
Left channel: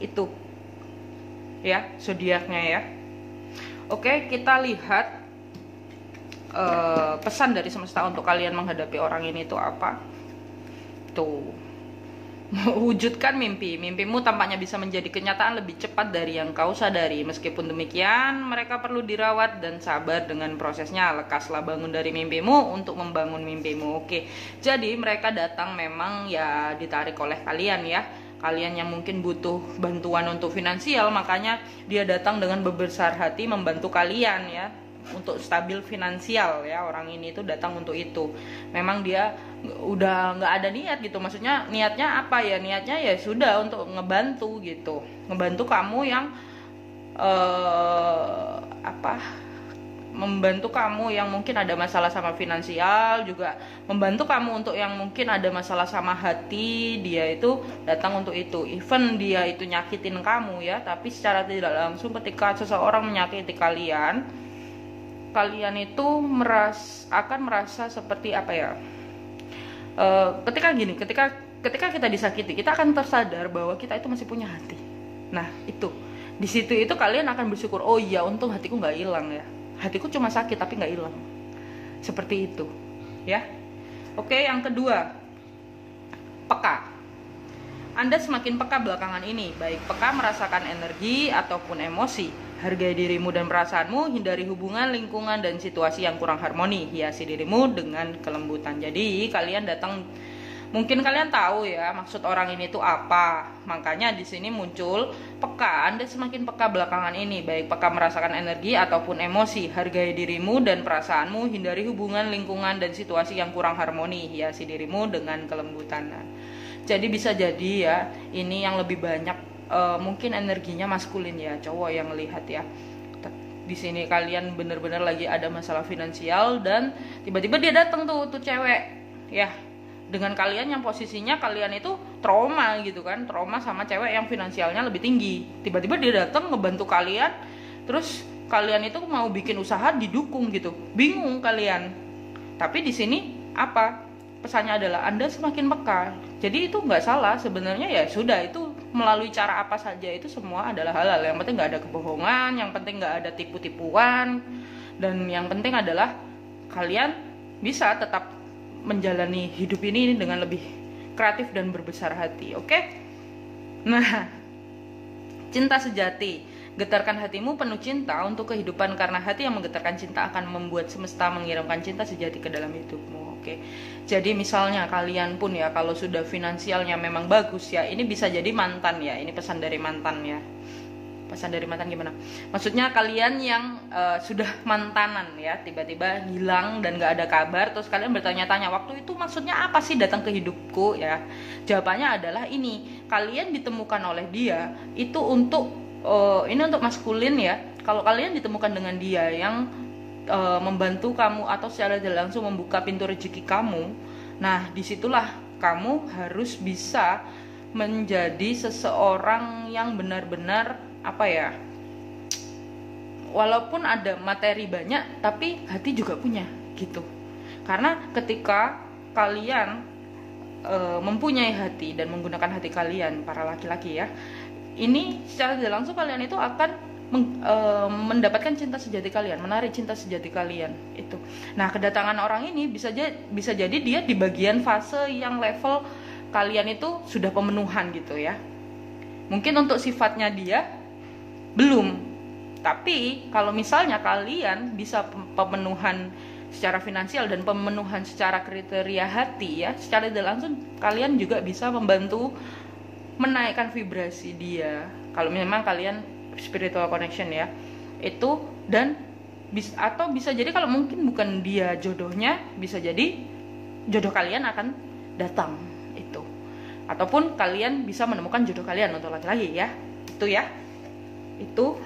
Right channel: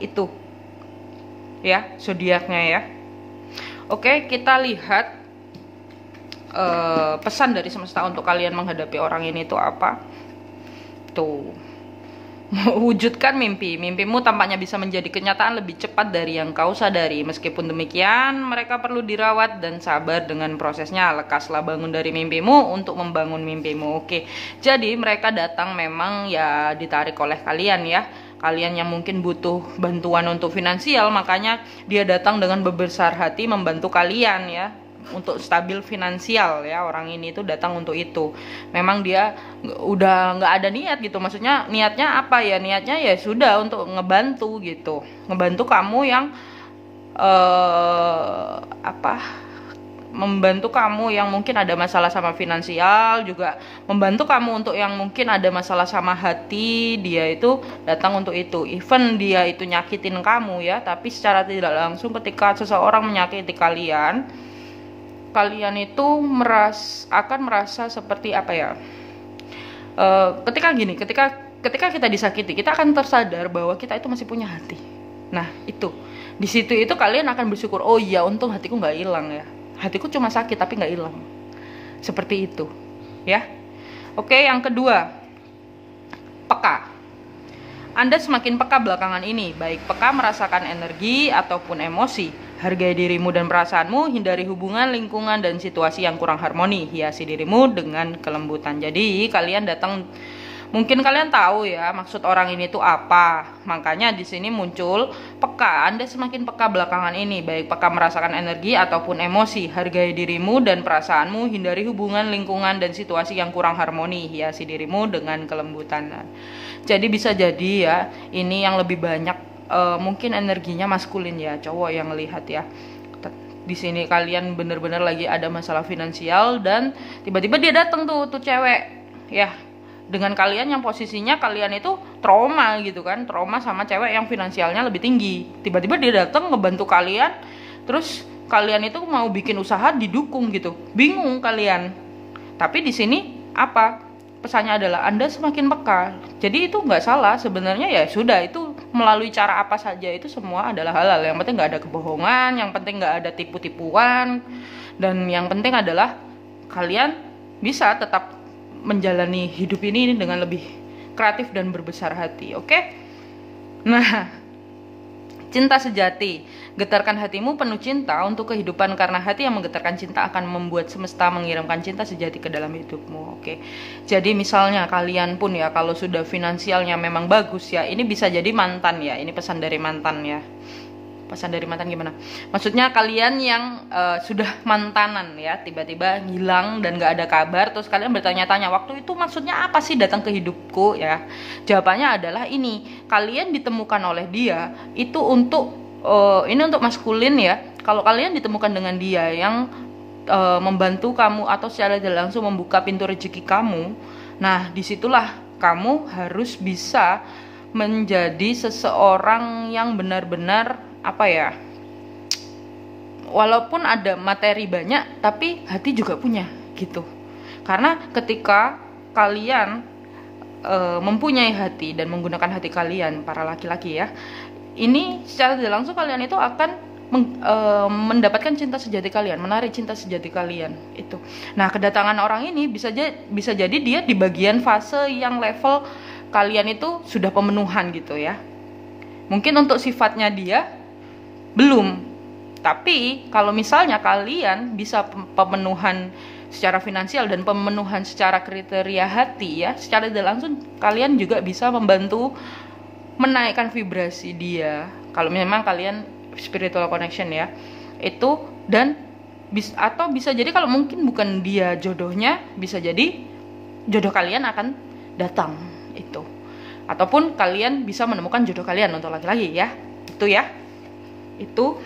itu ya zodiaknya ya. Oke, kita lihat pesan dari semesta untuk kalian menghadapi orang ini tuh apa. Tuh, wujudkan mimpimu tampaknya bisa menjadi kenyataan lebih cepat dari yang kau sadari. Meskipun demikian, mereka perlu dirawat dan sabar dengan prosesnya. Lekaslah bangun dari mimpimu untuk membangun mimpimu. Oke, jadi mereka datang memang ya ditarik oleh kalian ya. Kalian yang mungkin butuh bantuan untuk finansial, makanya dia datang dengan berbesar hati membantu kalian ya, untuk stabil finansial ya. Orang ini tuh datang untuk itu. Memang dia udah nggak ada niat gitu, maksudnya niatnya apa ya, niatnya ya sudah untuk ngebantu gitu, ngebantu kamu yang membantu kamu yang mungkin ada masalah sama finansial, juga membantu kamu untuk yang mungkin ada masalah sama hati. Dia itu datang untuk itu. Even dia itu nyakitin kamu ya, tapi secara tidak langsung ketika seseorang menyakiti kalian itu akan merasa seperti apa ya, ketika kita disakiti, kita akan tersadar bahwa kita itu masih punya hati. Nah itu di situ itu kalian akan bersyukur, oh iya untung hatiku nggak hilang ya, hatiku cuma sakit tapi nggak hilang, seperti itu ya. Oke, yang kedua, peka. Anda semakin peka belakangan ini, baik peka merasakan energi ataupun emosi. Hargai dirimu dan perasaanmu, hindari hubungan, lingkungan, dan situasi yang kurang harmoni. Hiasi dirimu dengan kelembutan. Jadi kalian datang, mungkin kalian tahu ya maksud orang ini tuh apa. Makanya di sini muncul peka. Anda semakin peka belakangan ini, baik peka merasakan energi ataupun emosi. Hargai dirimu dan perasaanmu, hindari hubungan, lingkungan, dan situasi yang kurang harmoni. Hiasi dirimu dengan kelembutan. Jadi bisa jadi ya, ini yang lebih banyak mungkin energinya maskulin ya, cowok yang melihat ya. Di sini kalian benar-benar lagi ada masalah finansial dan tiba-tiba dia datang tuh cewek ya, dengan kalian yang posisinya kalian itu trauma gitu kan, trauma sama cewek yang finansialnya lebih tinggi. Tiba-tiba dia datang ngebantu kalian, terus kalian itu mau bikin usaha didukung gitu, bingung kalian. Tapi di sini apa pesannya adalah Anda semakin peka. Jadi itu nggak salah sebenarnya, ya sudah, itu melalui cara apa saja itu semua adalah halal. Yang penting nggak ada kebohongan, yang penting nggak ada tipu-tipuan, dan yang penting adalah kalian bisa tetap menjalani hidup ini dengan lebih kreatif dan berbesar hati. Oke? Nah, cinta sejati. Getarkan hatimu penuh cinta untuk kehidupan, karena hati yang menggetarkan cinta akan membuat semesta mengirimkan cinta sejati ke dalam hidupmu. Oke. Jadi misalnya kalian pun ya, kalau sudah finansialnya memang bagus ya, ini bisa jadi mantan ya. Ini pesan dari mantan ya. Pesan dari mantan gimana? Maksudnya kalian yang sudah mantanan ya, tiba-tiba hilang dan gak ada kabar, terus kalian bertanya-tanya, waktu itu maksudnya apa sih datang ke hidupku ya? Jawabannya adalah ini, kalian ditemukan oleh dia itu untuk ini untuk maskulin ya. Kalau kalian ditemukan dengan dia yang membantu kamu atau secara tidak langsung membuka pintu rezeki kamu, nah disitulah kamu harus bisa menjadi seseorang yang benar-benar apa ya, walaupun ada materi banyak tapi hati juga punya gitu. Karena ketika kalian mempunyai hati dan menggunakan hati kalian, para laki-laki ya, ini secara tidak langsung kalian itu akan mendapatkan cinta sejati kalian, menarik cinta sejati kalian itu. Nah, kedatangan orang ini bisa jadi dia di bagian fase yang level kalian itu sudah pemenuhan gitu ya. Mungkin untuk sifatnya dia belum, tapi kalau misalnya kalian bisa pemenuhan secara finansial dan pemenuhan secara kriteria hati ya, secara tidak langsung kalian juga bisa membantu menaikkan vibrasi dia. Kalau memang kalian spiritual connection ya, itu. Dan atau bisa jadi kalau mungkin bukan dia jodohnya, bisa jadi jodoh kalian akan datang itu. Ataupun kalian bisa menemukan jodoh kalian untuk laki-laki ya. Itu ya. Itu.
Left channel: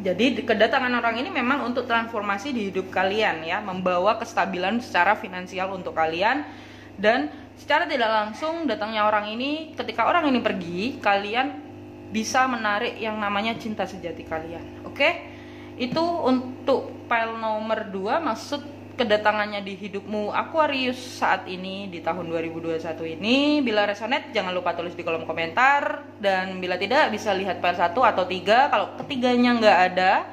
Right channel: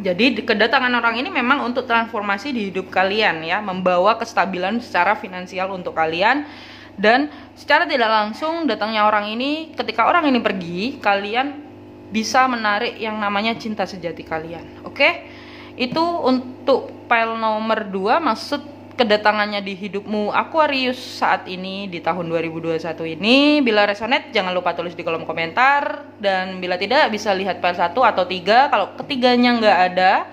Jadi kedatangan orang ini memang untuk transformasi di hidup kalian ya, membawa kestabilan secara finansial untuk kalian. Dan secara tidak langsung datangnya orang ini, ketika orang ini pergi, kalian bisa menarik yang namanya cinta sejati kalian. Oke? Itu untuk pile nomor 2, maksud kedatangannya di hidupmu Aquarius saat ini di tahun 2021 ini. Bila resonate jangan lupa tulis di kolom komentar, dan bila tidak bisa lihat pile 1 atau 3. Kalau ketiganya nggak ada,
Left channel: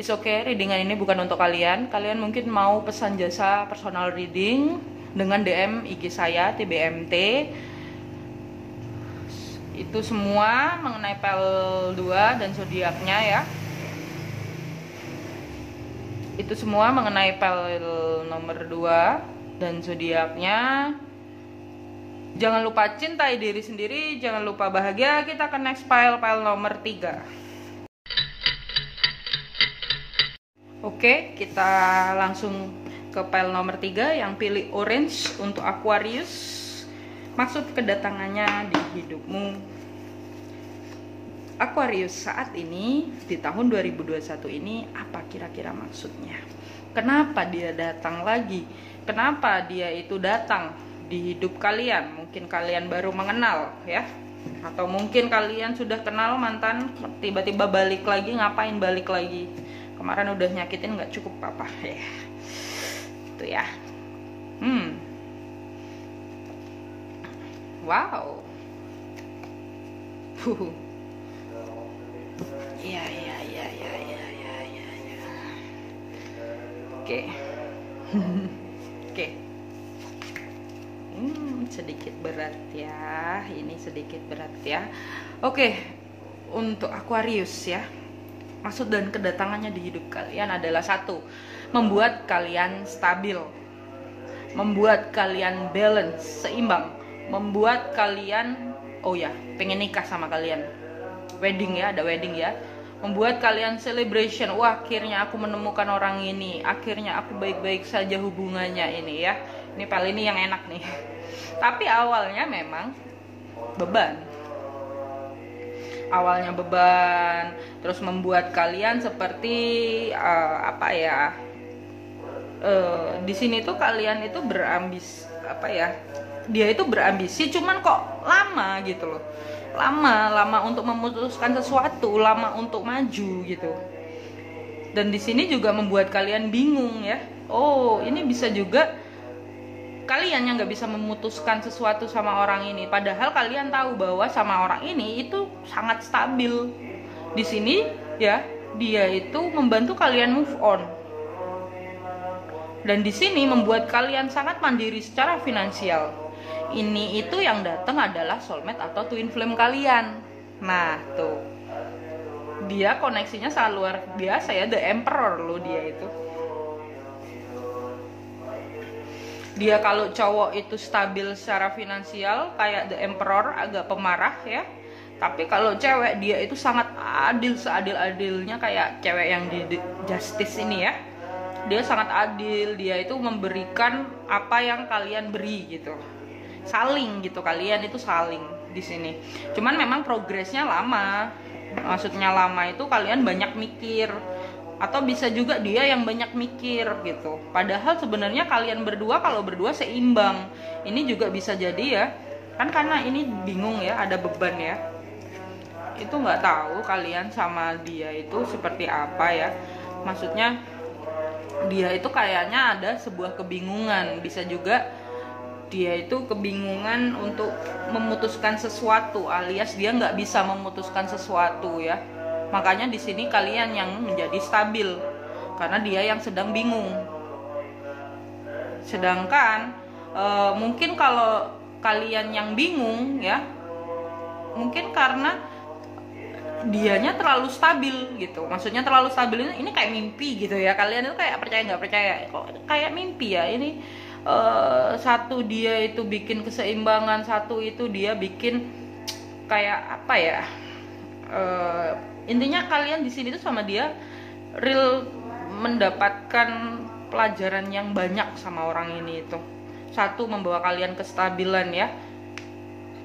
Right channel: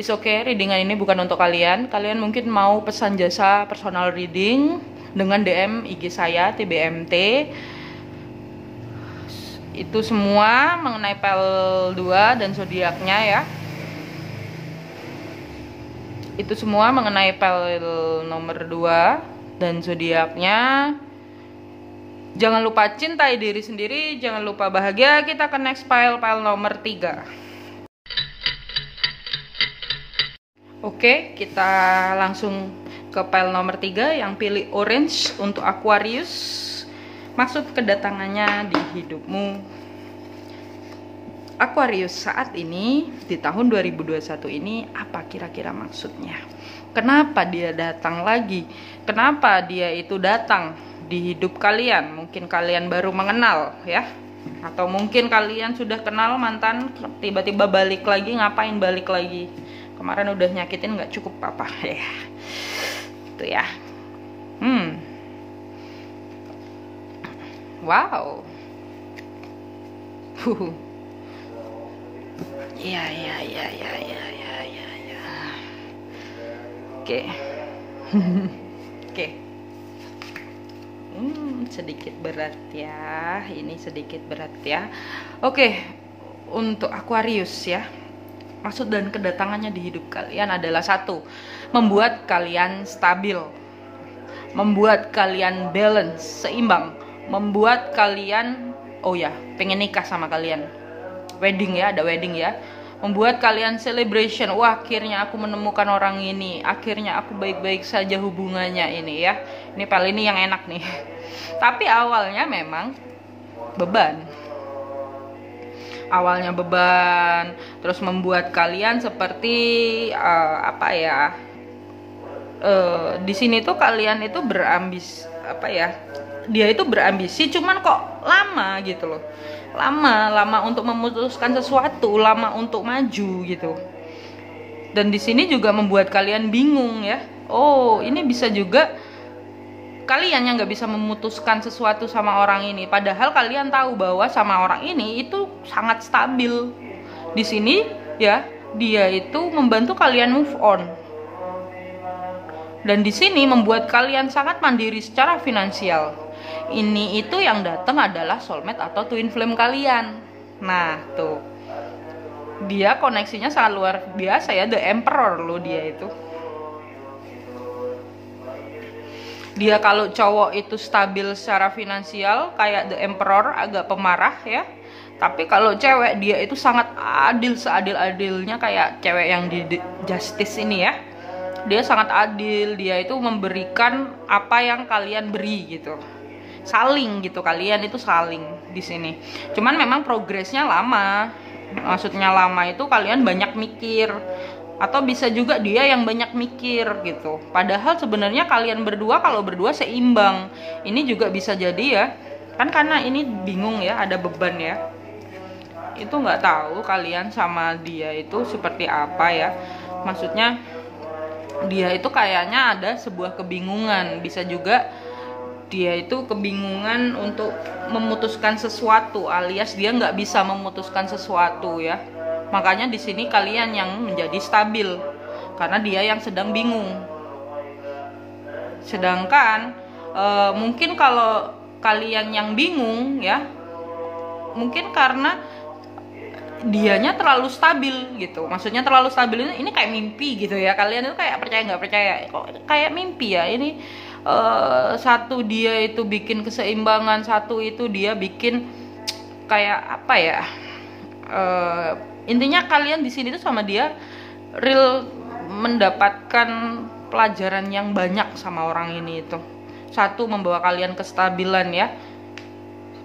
it's okay, readingan ini bukan untuk kalian. Kalian mungkin mau pesan jasa personal reading dengan DM IG saya TBMT. Itu semua mengenai pile 2 dan zodiaknya ya. Itu semua mengenai pile nomor 2 dan zodiaknya. Jangan lupa cintai diri sendiri, jangan lupa bahagia. Kita ke next pile nomor 3. Oke, kita langsung ke pile nomor 3 yang pilih orange untuk Aquarius. Maksud kedatangannya di hidupmu Aquarius saat ini di tahun 2021 ini, apa kira-kira maksudnya? Kenapa dia datang lagi? Kenapa dia itu datang di hidup kalian? Mungkin kalian baru mengenal ya, atau mungkin kalian sudah kenal mantan, tiba-tiba balik lagi. Ngapain balik lagi? Kemarin udah nyakitin, nggak cukup apa ya? Itu ya. Wow. Ya. Oke. Oke. Sedikit berat ya. Ini sedikit berat ya. Oke. Untuk Aquarius ya. Maksud dan kedatangannya di hidup kalian adalah 1, membuat kalian stabil. Membuat kalian balance, seimbang. Membuat kalian pengen nikah sama kalian. Wedding ya, ada wedding ya. Membuat kalian celebration. Wah, akhirnya aku menemukan orang ini. Akhirnya aku baik-baik saja hubungannya ini ya. Ini paling ini yang enak nih. Tapi awalnya memang beban. Awalnya beban, terus membuat kalian seperti di sini tuh kalian itu dia itu berambisi, cuman kok lama gitu loh. Lama untuk memutuskan sesuatu, lama untuk maju gitu. Dan di sini juga membuat kalian bingung ya. Oh, ini bisa juga kalian yang nggak bisa memutuskan sesuatu sama orang ini, padahal kalian tahu bahwa sama orang ini itu sangat stabil. Di sini ya, dia itu membantu kalian move on. Dan di sini membuat kalian sangat mandiri secara finansial. Ini itu yang datang adalah soulmate atau twin flame kalian. Nah, tuh. Dia koneksinya sangat luar biasa ya, the emperor loh dia itu. Dia kalau cowok itu stabil secara finansial kayak the emperor, agak pemarah ya. Tapi kalau cewek dia itu sangat adil, seadil-adilnya kayak cewek yang di Justice ini ya. Dia sangat adil, dia itu memberikan apa yang kalian beri gitu. Saling gitu, kalian itu saling di sini. Cuman memang progresnya lama. Maksudnya lama itu kalian banyak mikir, atau bisa juga dia yang banyak mikir gitu. Padahal sebenarnya kalian berdua kalau berdua seimbang. Ini juga bisa jadi ya. Kan karena ini bingung ya, ada beban ya. Itu nggak tahu kalian sama dia itu seperti apa ya. Maksudnya dia itu kayaknya ada sebuah kebingungan. Bisa juga dia itu kebingungan untuk memutuskan sesuatu, alias dia nggak bisa memutuskan sesuatu ya. Makanya di sini kalian yang menjadi stabil karena dia yang sedang bingung. Sedangkan mungkin kalau kalian yang bingung ya, mungkin karena dianya terlalu stabil gitu. Maksudnya terlalu stabil ini kayak mimpi gitu ya. Kalian itu kayak percaya nggak percaya, kok kayak mimpi ya ini. Satu dia itu bikin keseimbangan, satu itu dia bikin kayak apa ya, intinya kalian di sini tuh sama dia real mendapatkan pelajaran yang banyak sama orang ini itu. 1, membawa kalian kestabilan ya.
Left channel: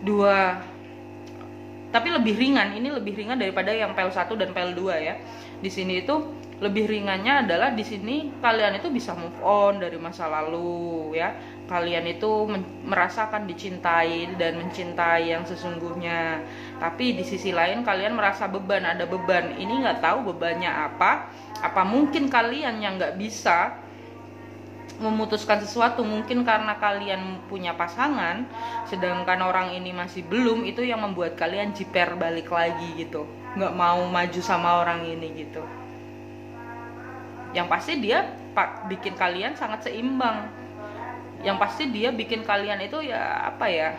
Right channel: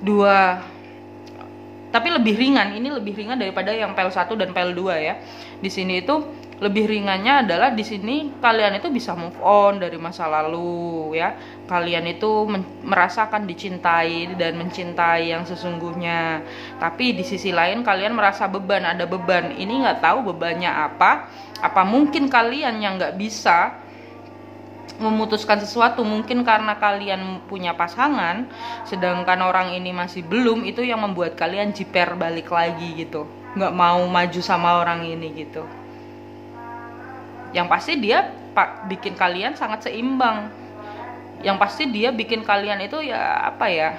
2, tapi lebih ringan. Ini lebih ringan daripada yang PL 1 dan PL 2 ya. Di sini itu lebih ringannya adalah di sini kalian itu bisa move on dari masa lalu ya. Kalian itu merasakan dicintai dan mencintai yang sesungguhnya. Tapi di sisi lain kalian merasa beban, ada beban. Ini nggak tahu bebannya apa. Apa mungkin kalian yang nggak bisa memutuskan sesuatu, mungkin karena kalian punya pasangan sedangkan orang ini masih belum, itu yang membuat kalian jiper balik lagi gitu, nggak mau maju sama orang ini gitu. Yang pasti dia bikin kalian sangat seimbang, yang pasti dia bikin kalian itu ya apa ya,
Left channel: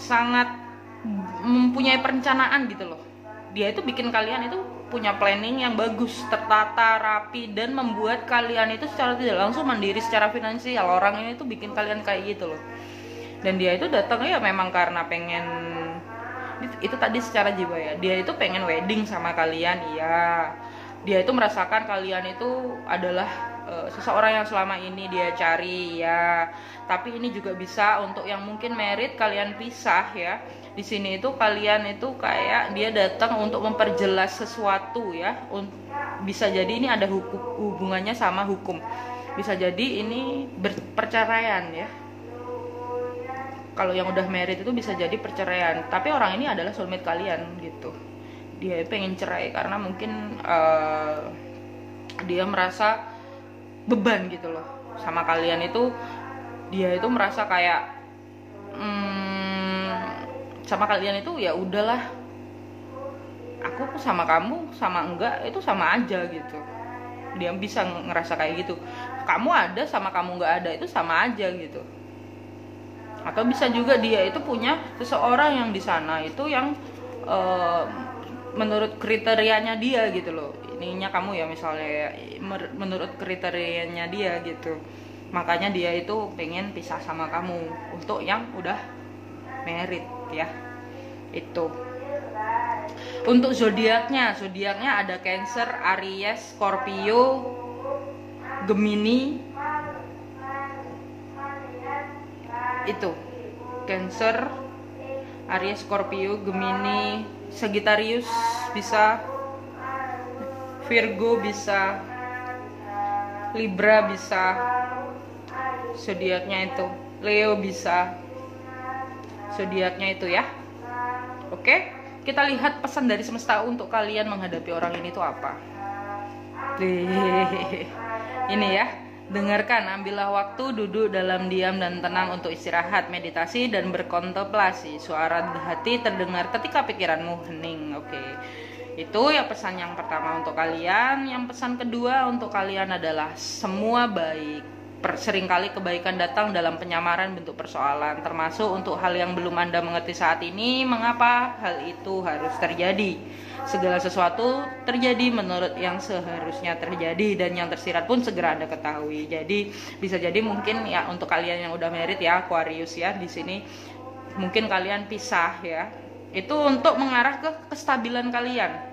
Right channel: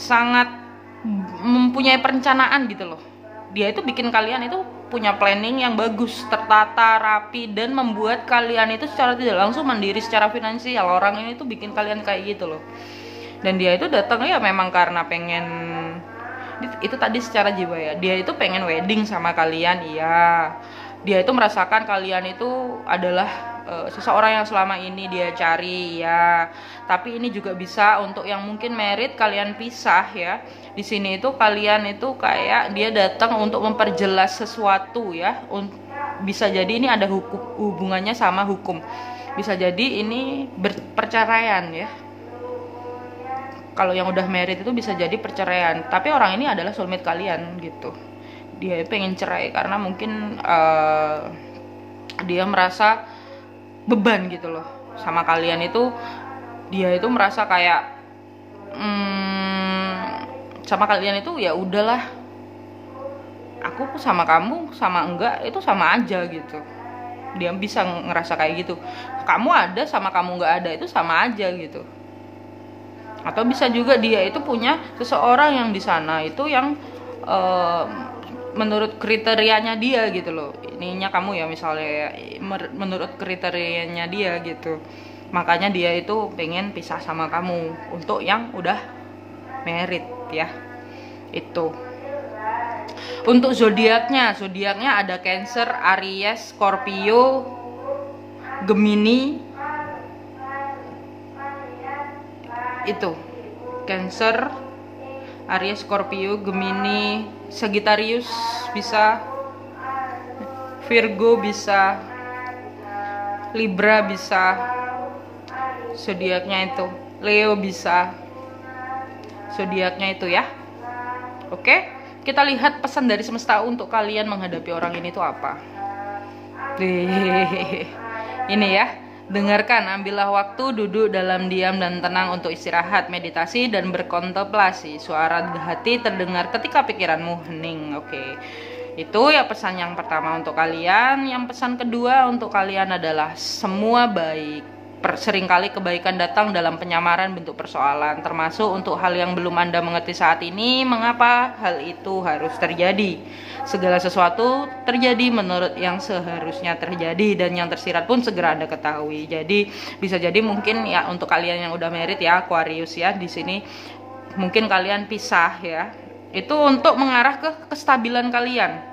sangat mempunyai perencanaan gitu loh. Dia itu bikin kalian itu punya planning yang bagus, tertata, rapi, dan membuat kalian itu secara tidak langsung mandiri secara finansial. Orang ini tuh bikin kalian kayak gitu loh. Dan dia itu datang ya memang karena pengen, itu tadi secara jiwa ya, dia itu pengen wedding sama kalian, iya. Dia itu merasakan kalian itu adalah seseorang yang selama ini dia cari ya. Tapi ini juga bisa untuk yang mungkin merit, kalian pisah ya. Di sini itu kalian itu kayak dia datang untuk memperjelas sesuatu ya. Bisa jadi ini ada hubungannya sama hukum. Bisa jadi ini perceraian ya. Kalau yang udah merit itu bisa jadi perceraian. Tapi orang ini adalah soulmate kalian gitu. Dia pengen cerai karena mungkin dia merasa beban gitu loh sama kalian itu. Dia itu merasa kayak sama kalian itu ya udahlah, aku sama kamu sama enggak itu sama aja gitu. Dia bisa ngerasa kayak gitu. Kamu ada sama kamu enggak ada itu sama aja gitu. Atau bisa juga dia itu punya seseorang yang di sana itu yang menurut kriterianya dia gitu loh. Ininya kamu ya misalnya menurut kriterianya dia gitu. Makanya dia itu pengen pisah sama kamu untuk yang udah merit ya. Itu untuk zodiaknya ada Cancer, Aries, Scorpio, Gemini. Itu Cancer, Aries, Scorpio, Gemini, Sagittarius bisa, Virgo bisa, Libra bisa. Zodiaknya itu Leo bisa. Zodiaknya itu ya. Oke, kita lihat pesan dari semesta untuk kalian menghadapi orang ini tuh apa. Ini ya, dengarkan, ambillah waktu, duduk dalam diam dan tenang untuk istirahat, meditasi dan berkontemplasi. Suara hati terdengar ketika pikiranmu hening. Oke. Itu ya pesan yang pertama untuk kalian. Yang pesan kedua untuk kalian adalah semua baik. Seringkali kebaikan datang dalam penyamaran bentuk persoalan, termasuk untuk hal yang belum Anda mengerti saat ini. Mengapa hal itu harus terjadi? Segala sesuatu terjadi menurut yang seharusnya terjadi, dan yang tersirat pun segera Anda ketahui. Jadi bisa jadi mungkin ya untuk kalian yang udah merit ya, Aquarius ya, di sini mungkin kalian pisah ya. Itu untuk mengarah ke kestabilan kalian.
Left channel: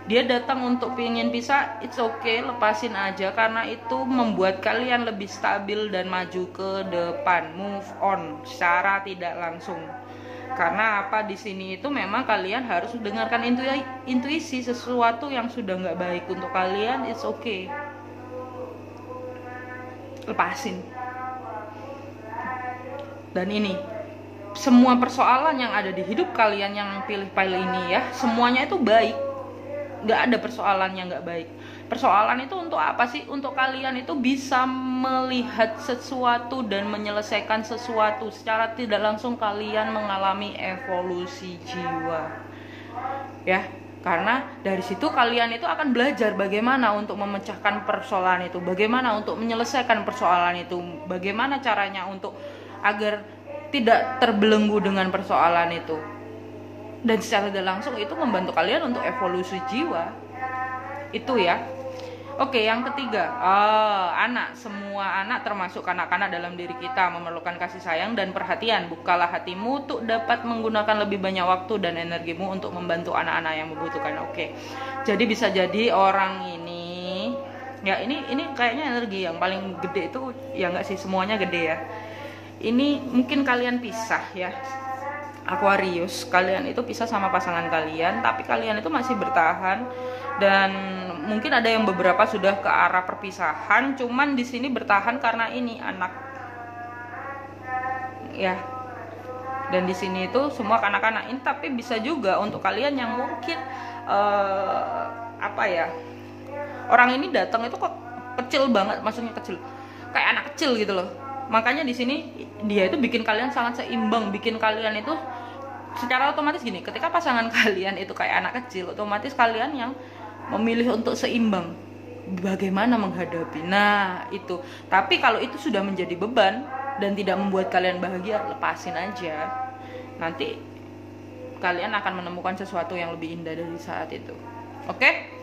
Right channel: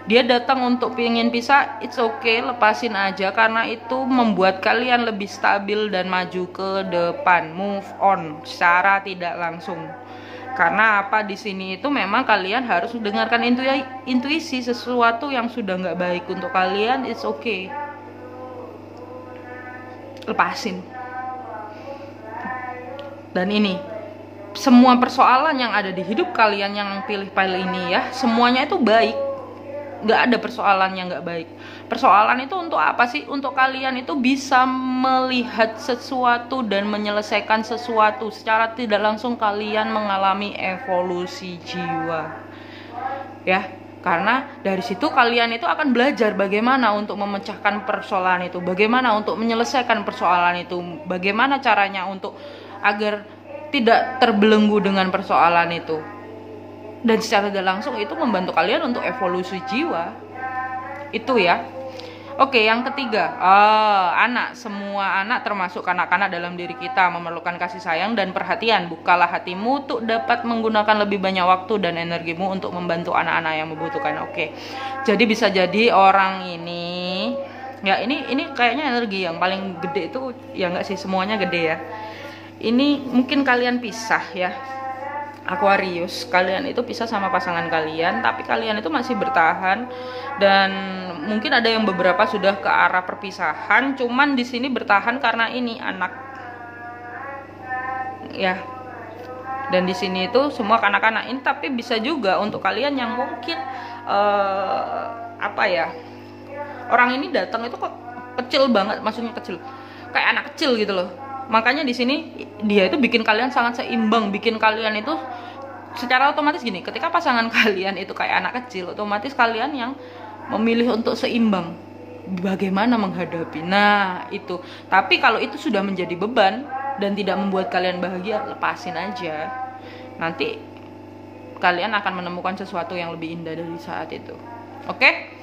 Dia datang untuk pengen pisah, it's okay, lepasin aja, karena itu membuat kalian lebih stabil dan maju ke depan, move on secara tidak langsung. Karena apa, di sini itu memang kalian harus dengarkan intuisi. Sesuatu yang sudah nggak baik untuk kalian, it's okay, lepasin. Dan ini semua persoalan yang ada di hidup kalian yang pilih-pilih ini ya, semuanya itu baik. Nggak ada persoalan yang nggak baik. Persoalan itu untuk apa sih? Untuk kalian itu bisa melihat sesuatu dan menyelesaikan sesuatu. Secara tidak langsung kalian mengalami evolusi jiwa ya. Karena dari situ kalian itu akan belajar bagaimana untuk memecahkan persoalan itu, bagaimana untuk menyelesaikan persoalan itu, bagaimana caranya untuk agar tidak terbelenggu dengan persoalan itu. Dan secara tidak langsung itu membantu kalian untuk evolusi jiwa. Itu ya. Oke, yang ketiga, anak. Semua anak termasuk kanak-kanak dalam diri kita memerlukan kasih sayang dan perhatian. Bukalah hatimu untuk dapat menggunakan lebih banyak waktu dan energimu untuk membantu anak-anak yang membutuhkan. Oke. Jadi bisa jadi orang ini ya, ini kayaknya energi yang paling gede itu ya, enggak sih, semuanya gede ya. Ini mungkin kalian pisah ya. Aquarius, kalian itu pisah sama pasangan kalian, tapi kalian itu masih bertahan, dan mungkin ada yang beberapa sudah ke arah perpisahan, cuman di sini bertahan karena ini anak, ya. Dan di sini itu semua kanak-kanak ini, tapi bisa juga untuk kalian yang mungkin apa ya, orang ini datang itu kok kecil banget, maksudnya kecil, kayak anak kecil gitu loh. Makanya di sini dia itu bikin kalian sangat seimbang, bikin kalian itu secara otomatis gini, ketika pasangan kalian itu kayak anak kecil, otomatis kalian yang memilih untuk seimbang, bagaimana menghadapi. Nah itu, tapi kalau itu sudah menjadi beban dan tidak membuat kalian bahagia, lepasin aja. Nanti kalian akan menemukan sesuatu yang lebih indah dari saat itu. Oke?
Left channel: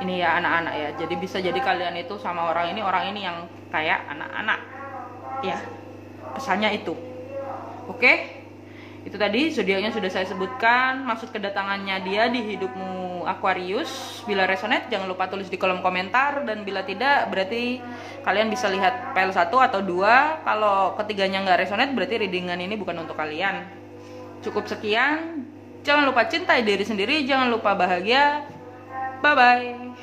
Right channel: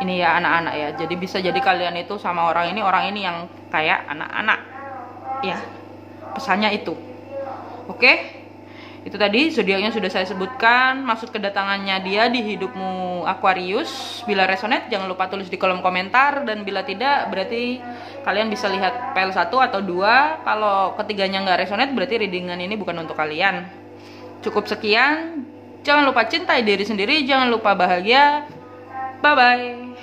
Ini ya anak-anak ya. Jadi bisa jadi kalian itu sama orang ini yang kayak anak-anak. Ya. Pesannya itu. Oke? Itu tadi zodiaknya sudah saya sebutkan, maksud kedatangannya dia di hidupmu Aquarius. Bila resonate jangan lupa tulis di kolom komentar, dan bila tidak berarti kalian bisa lihat PL 1 atau 2. Kalau ketiganya nggak resonate berarti readingan ini bukan untuk kalian. Cukup sekian. Jangan lupa cintai diri sendiri, jangan lupa bahagia. Bye bye.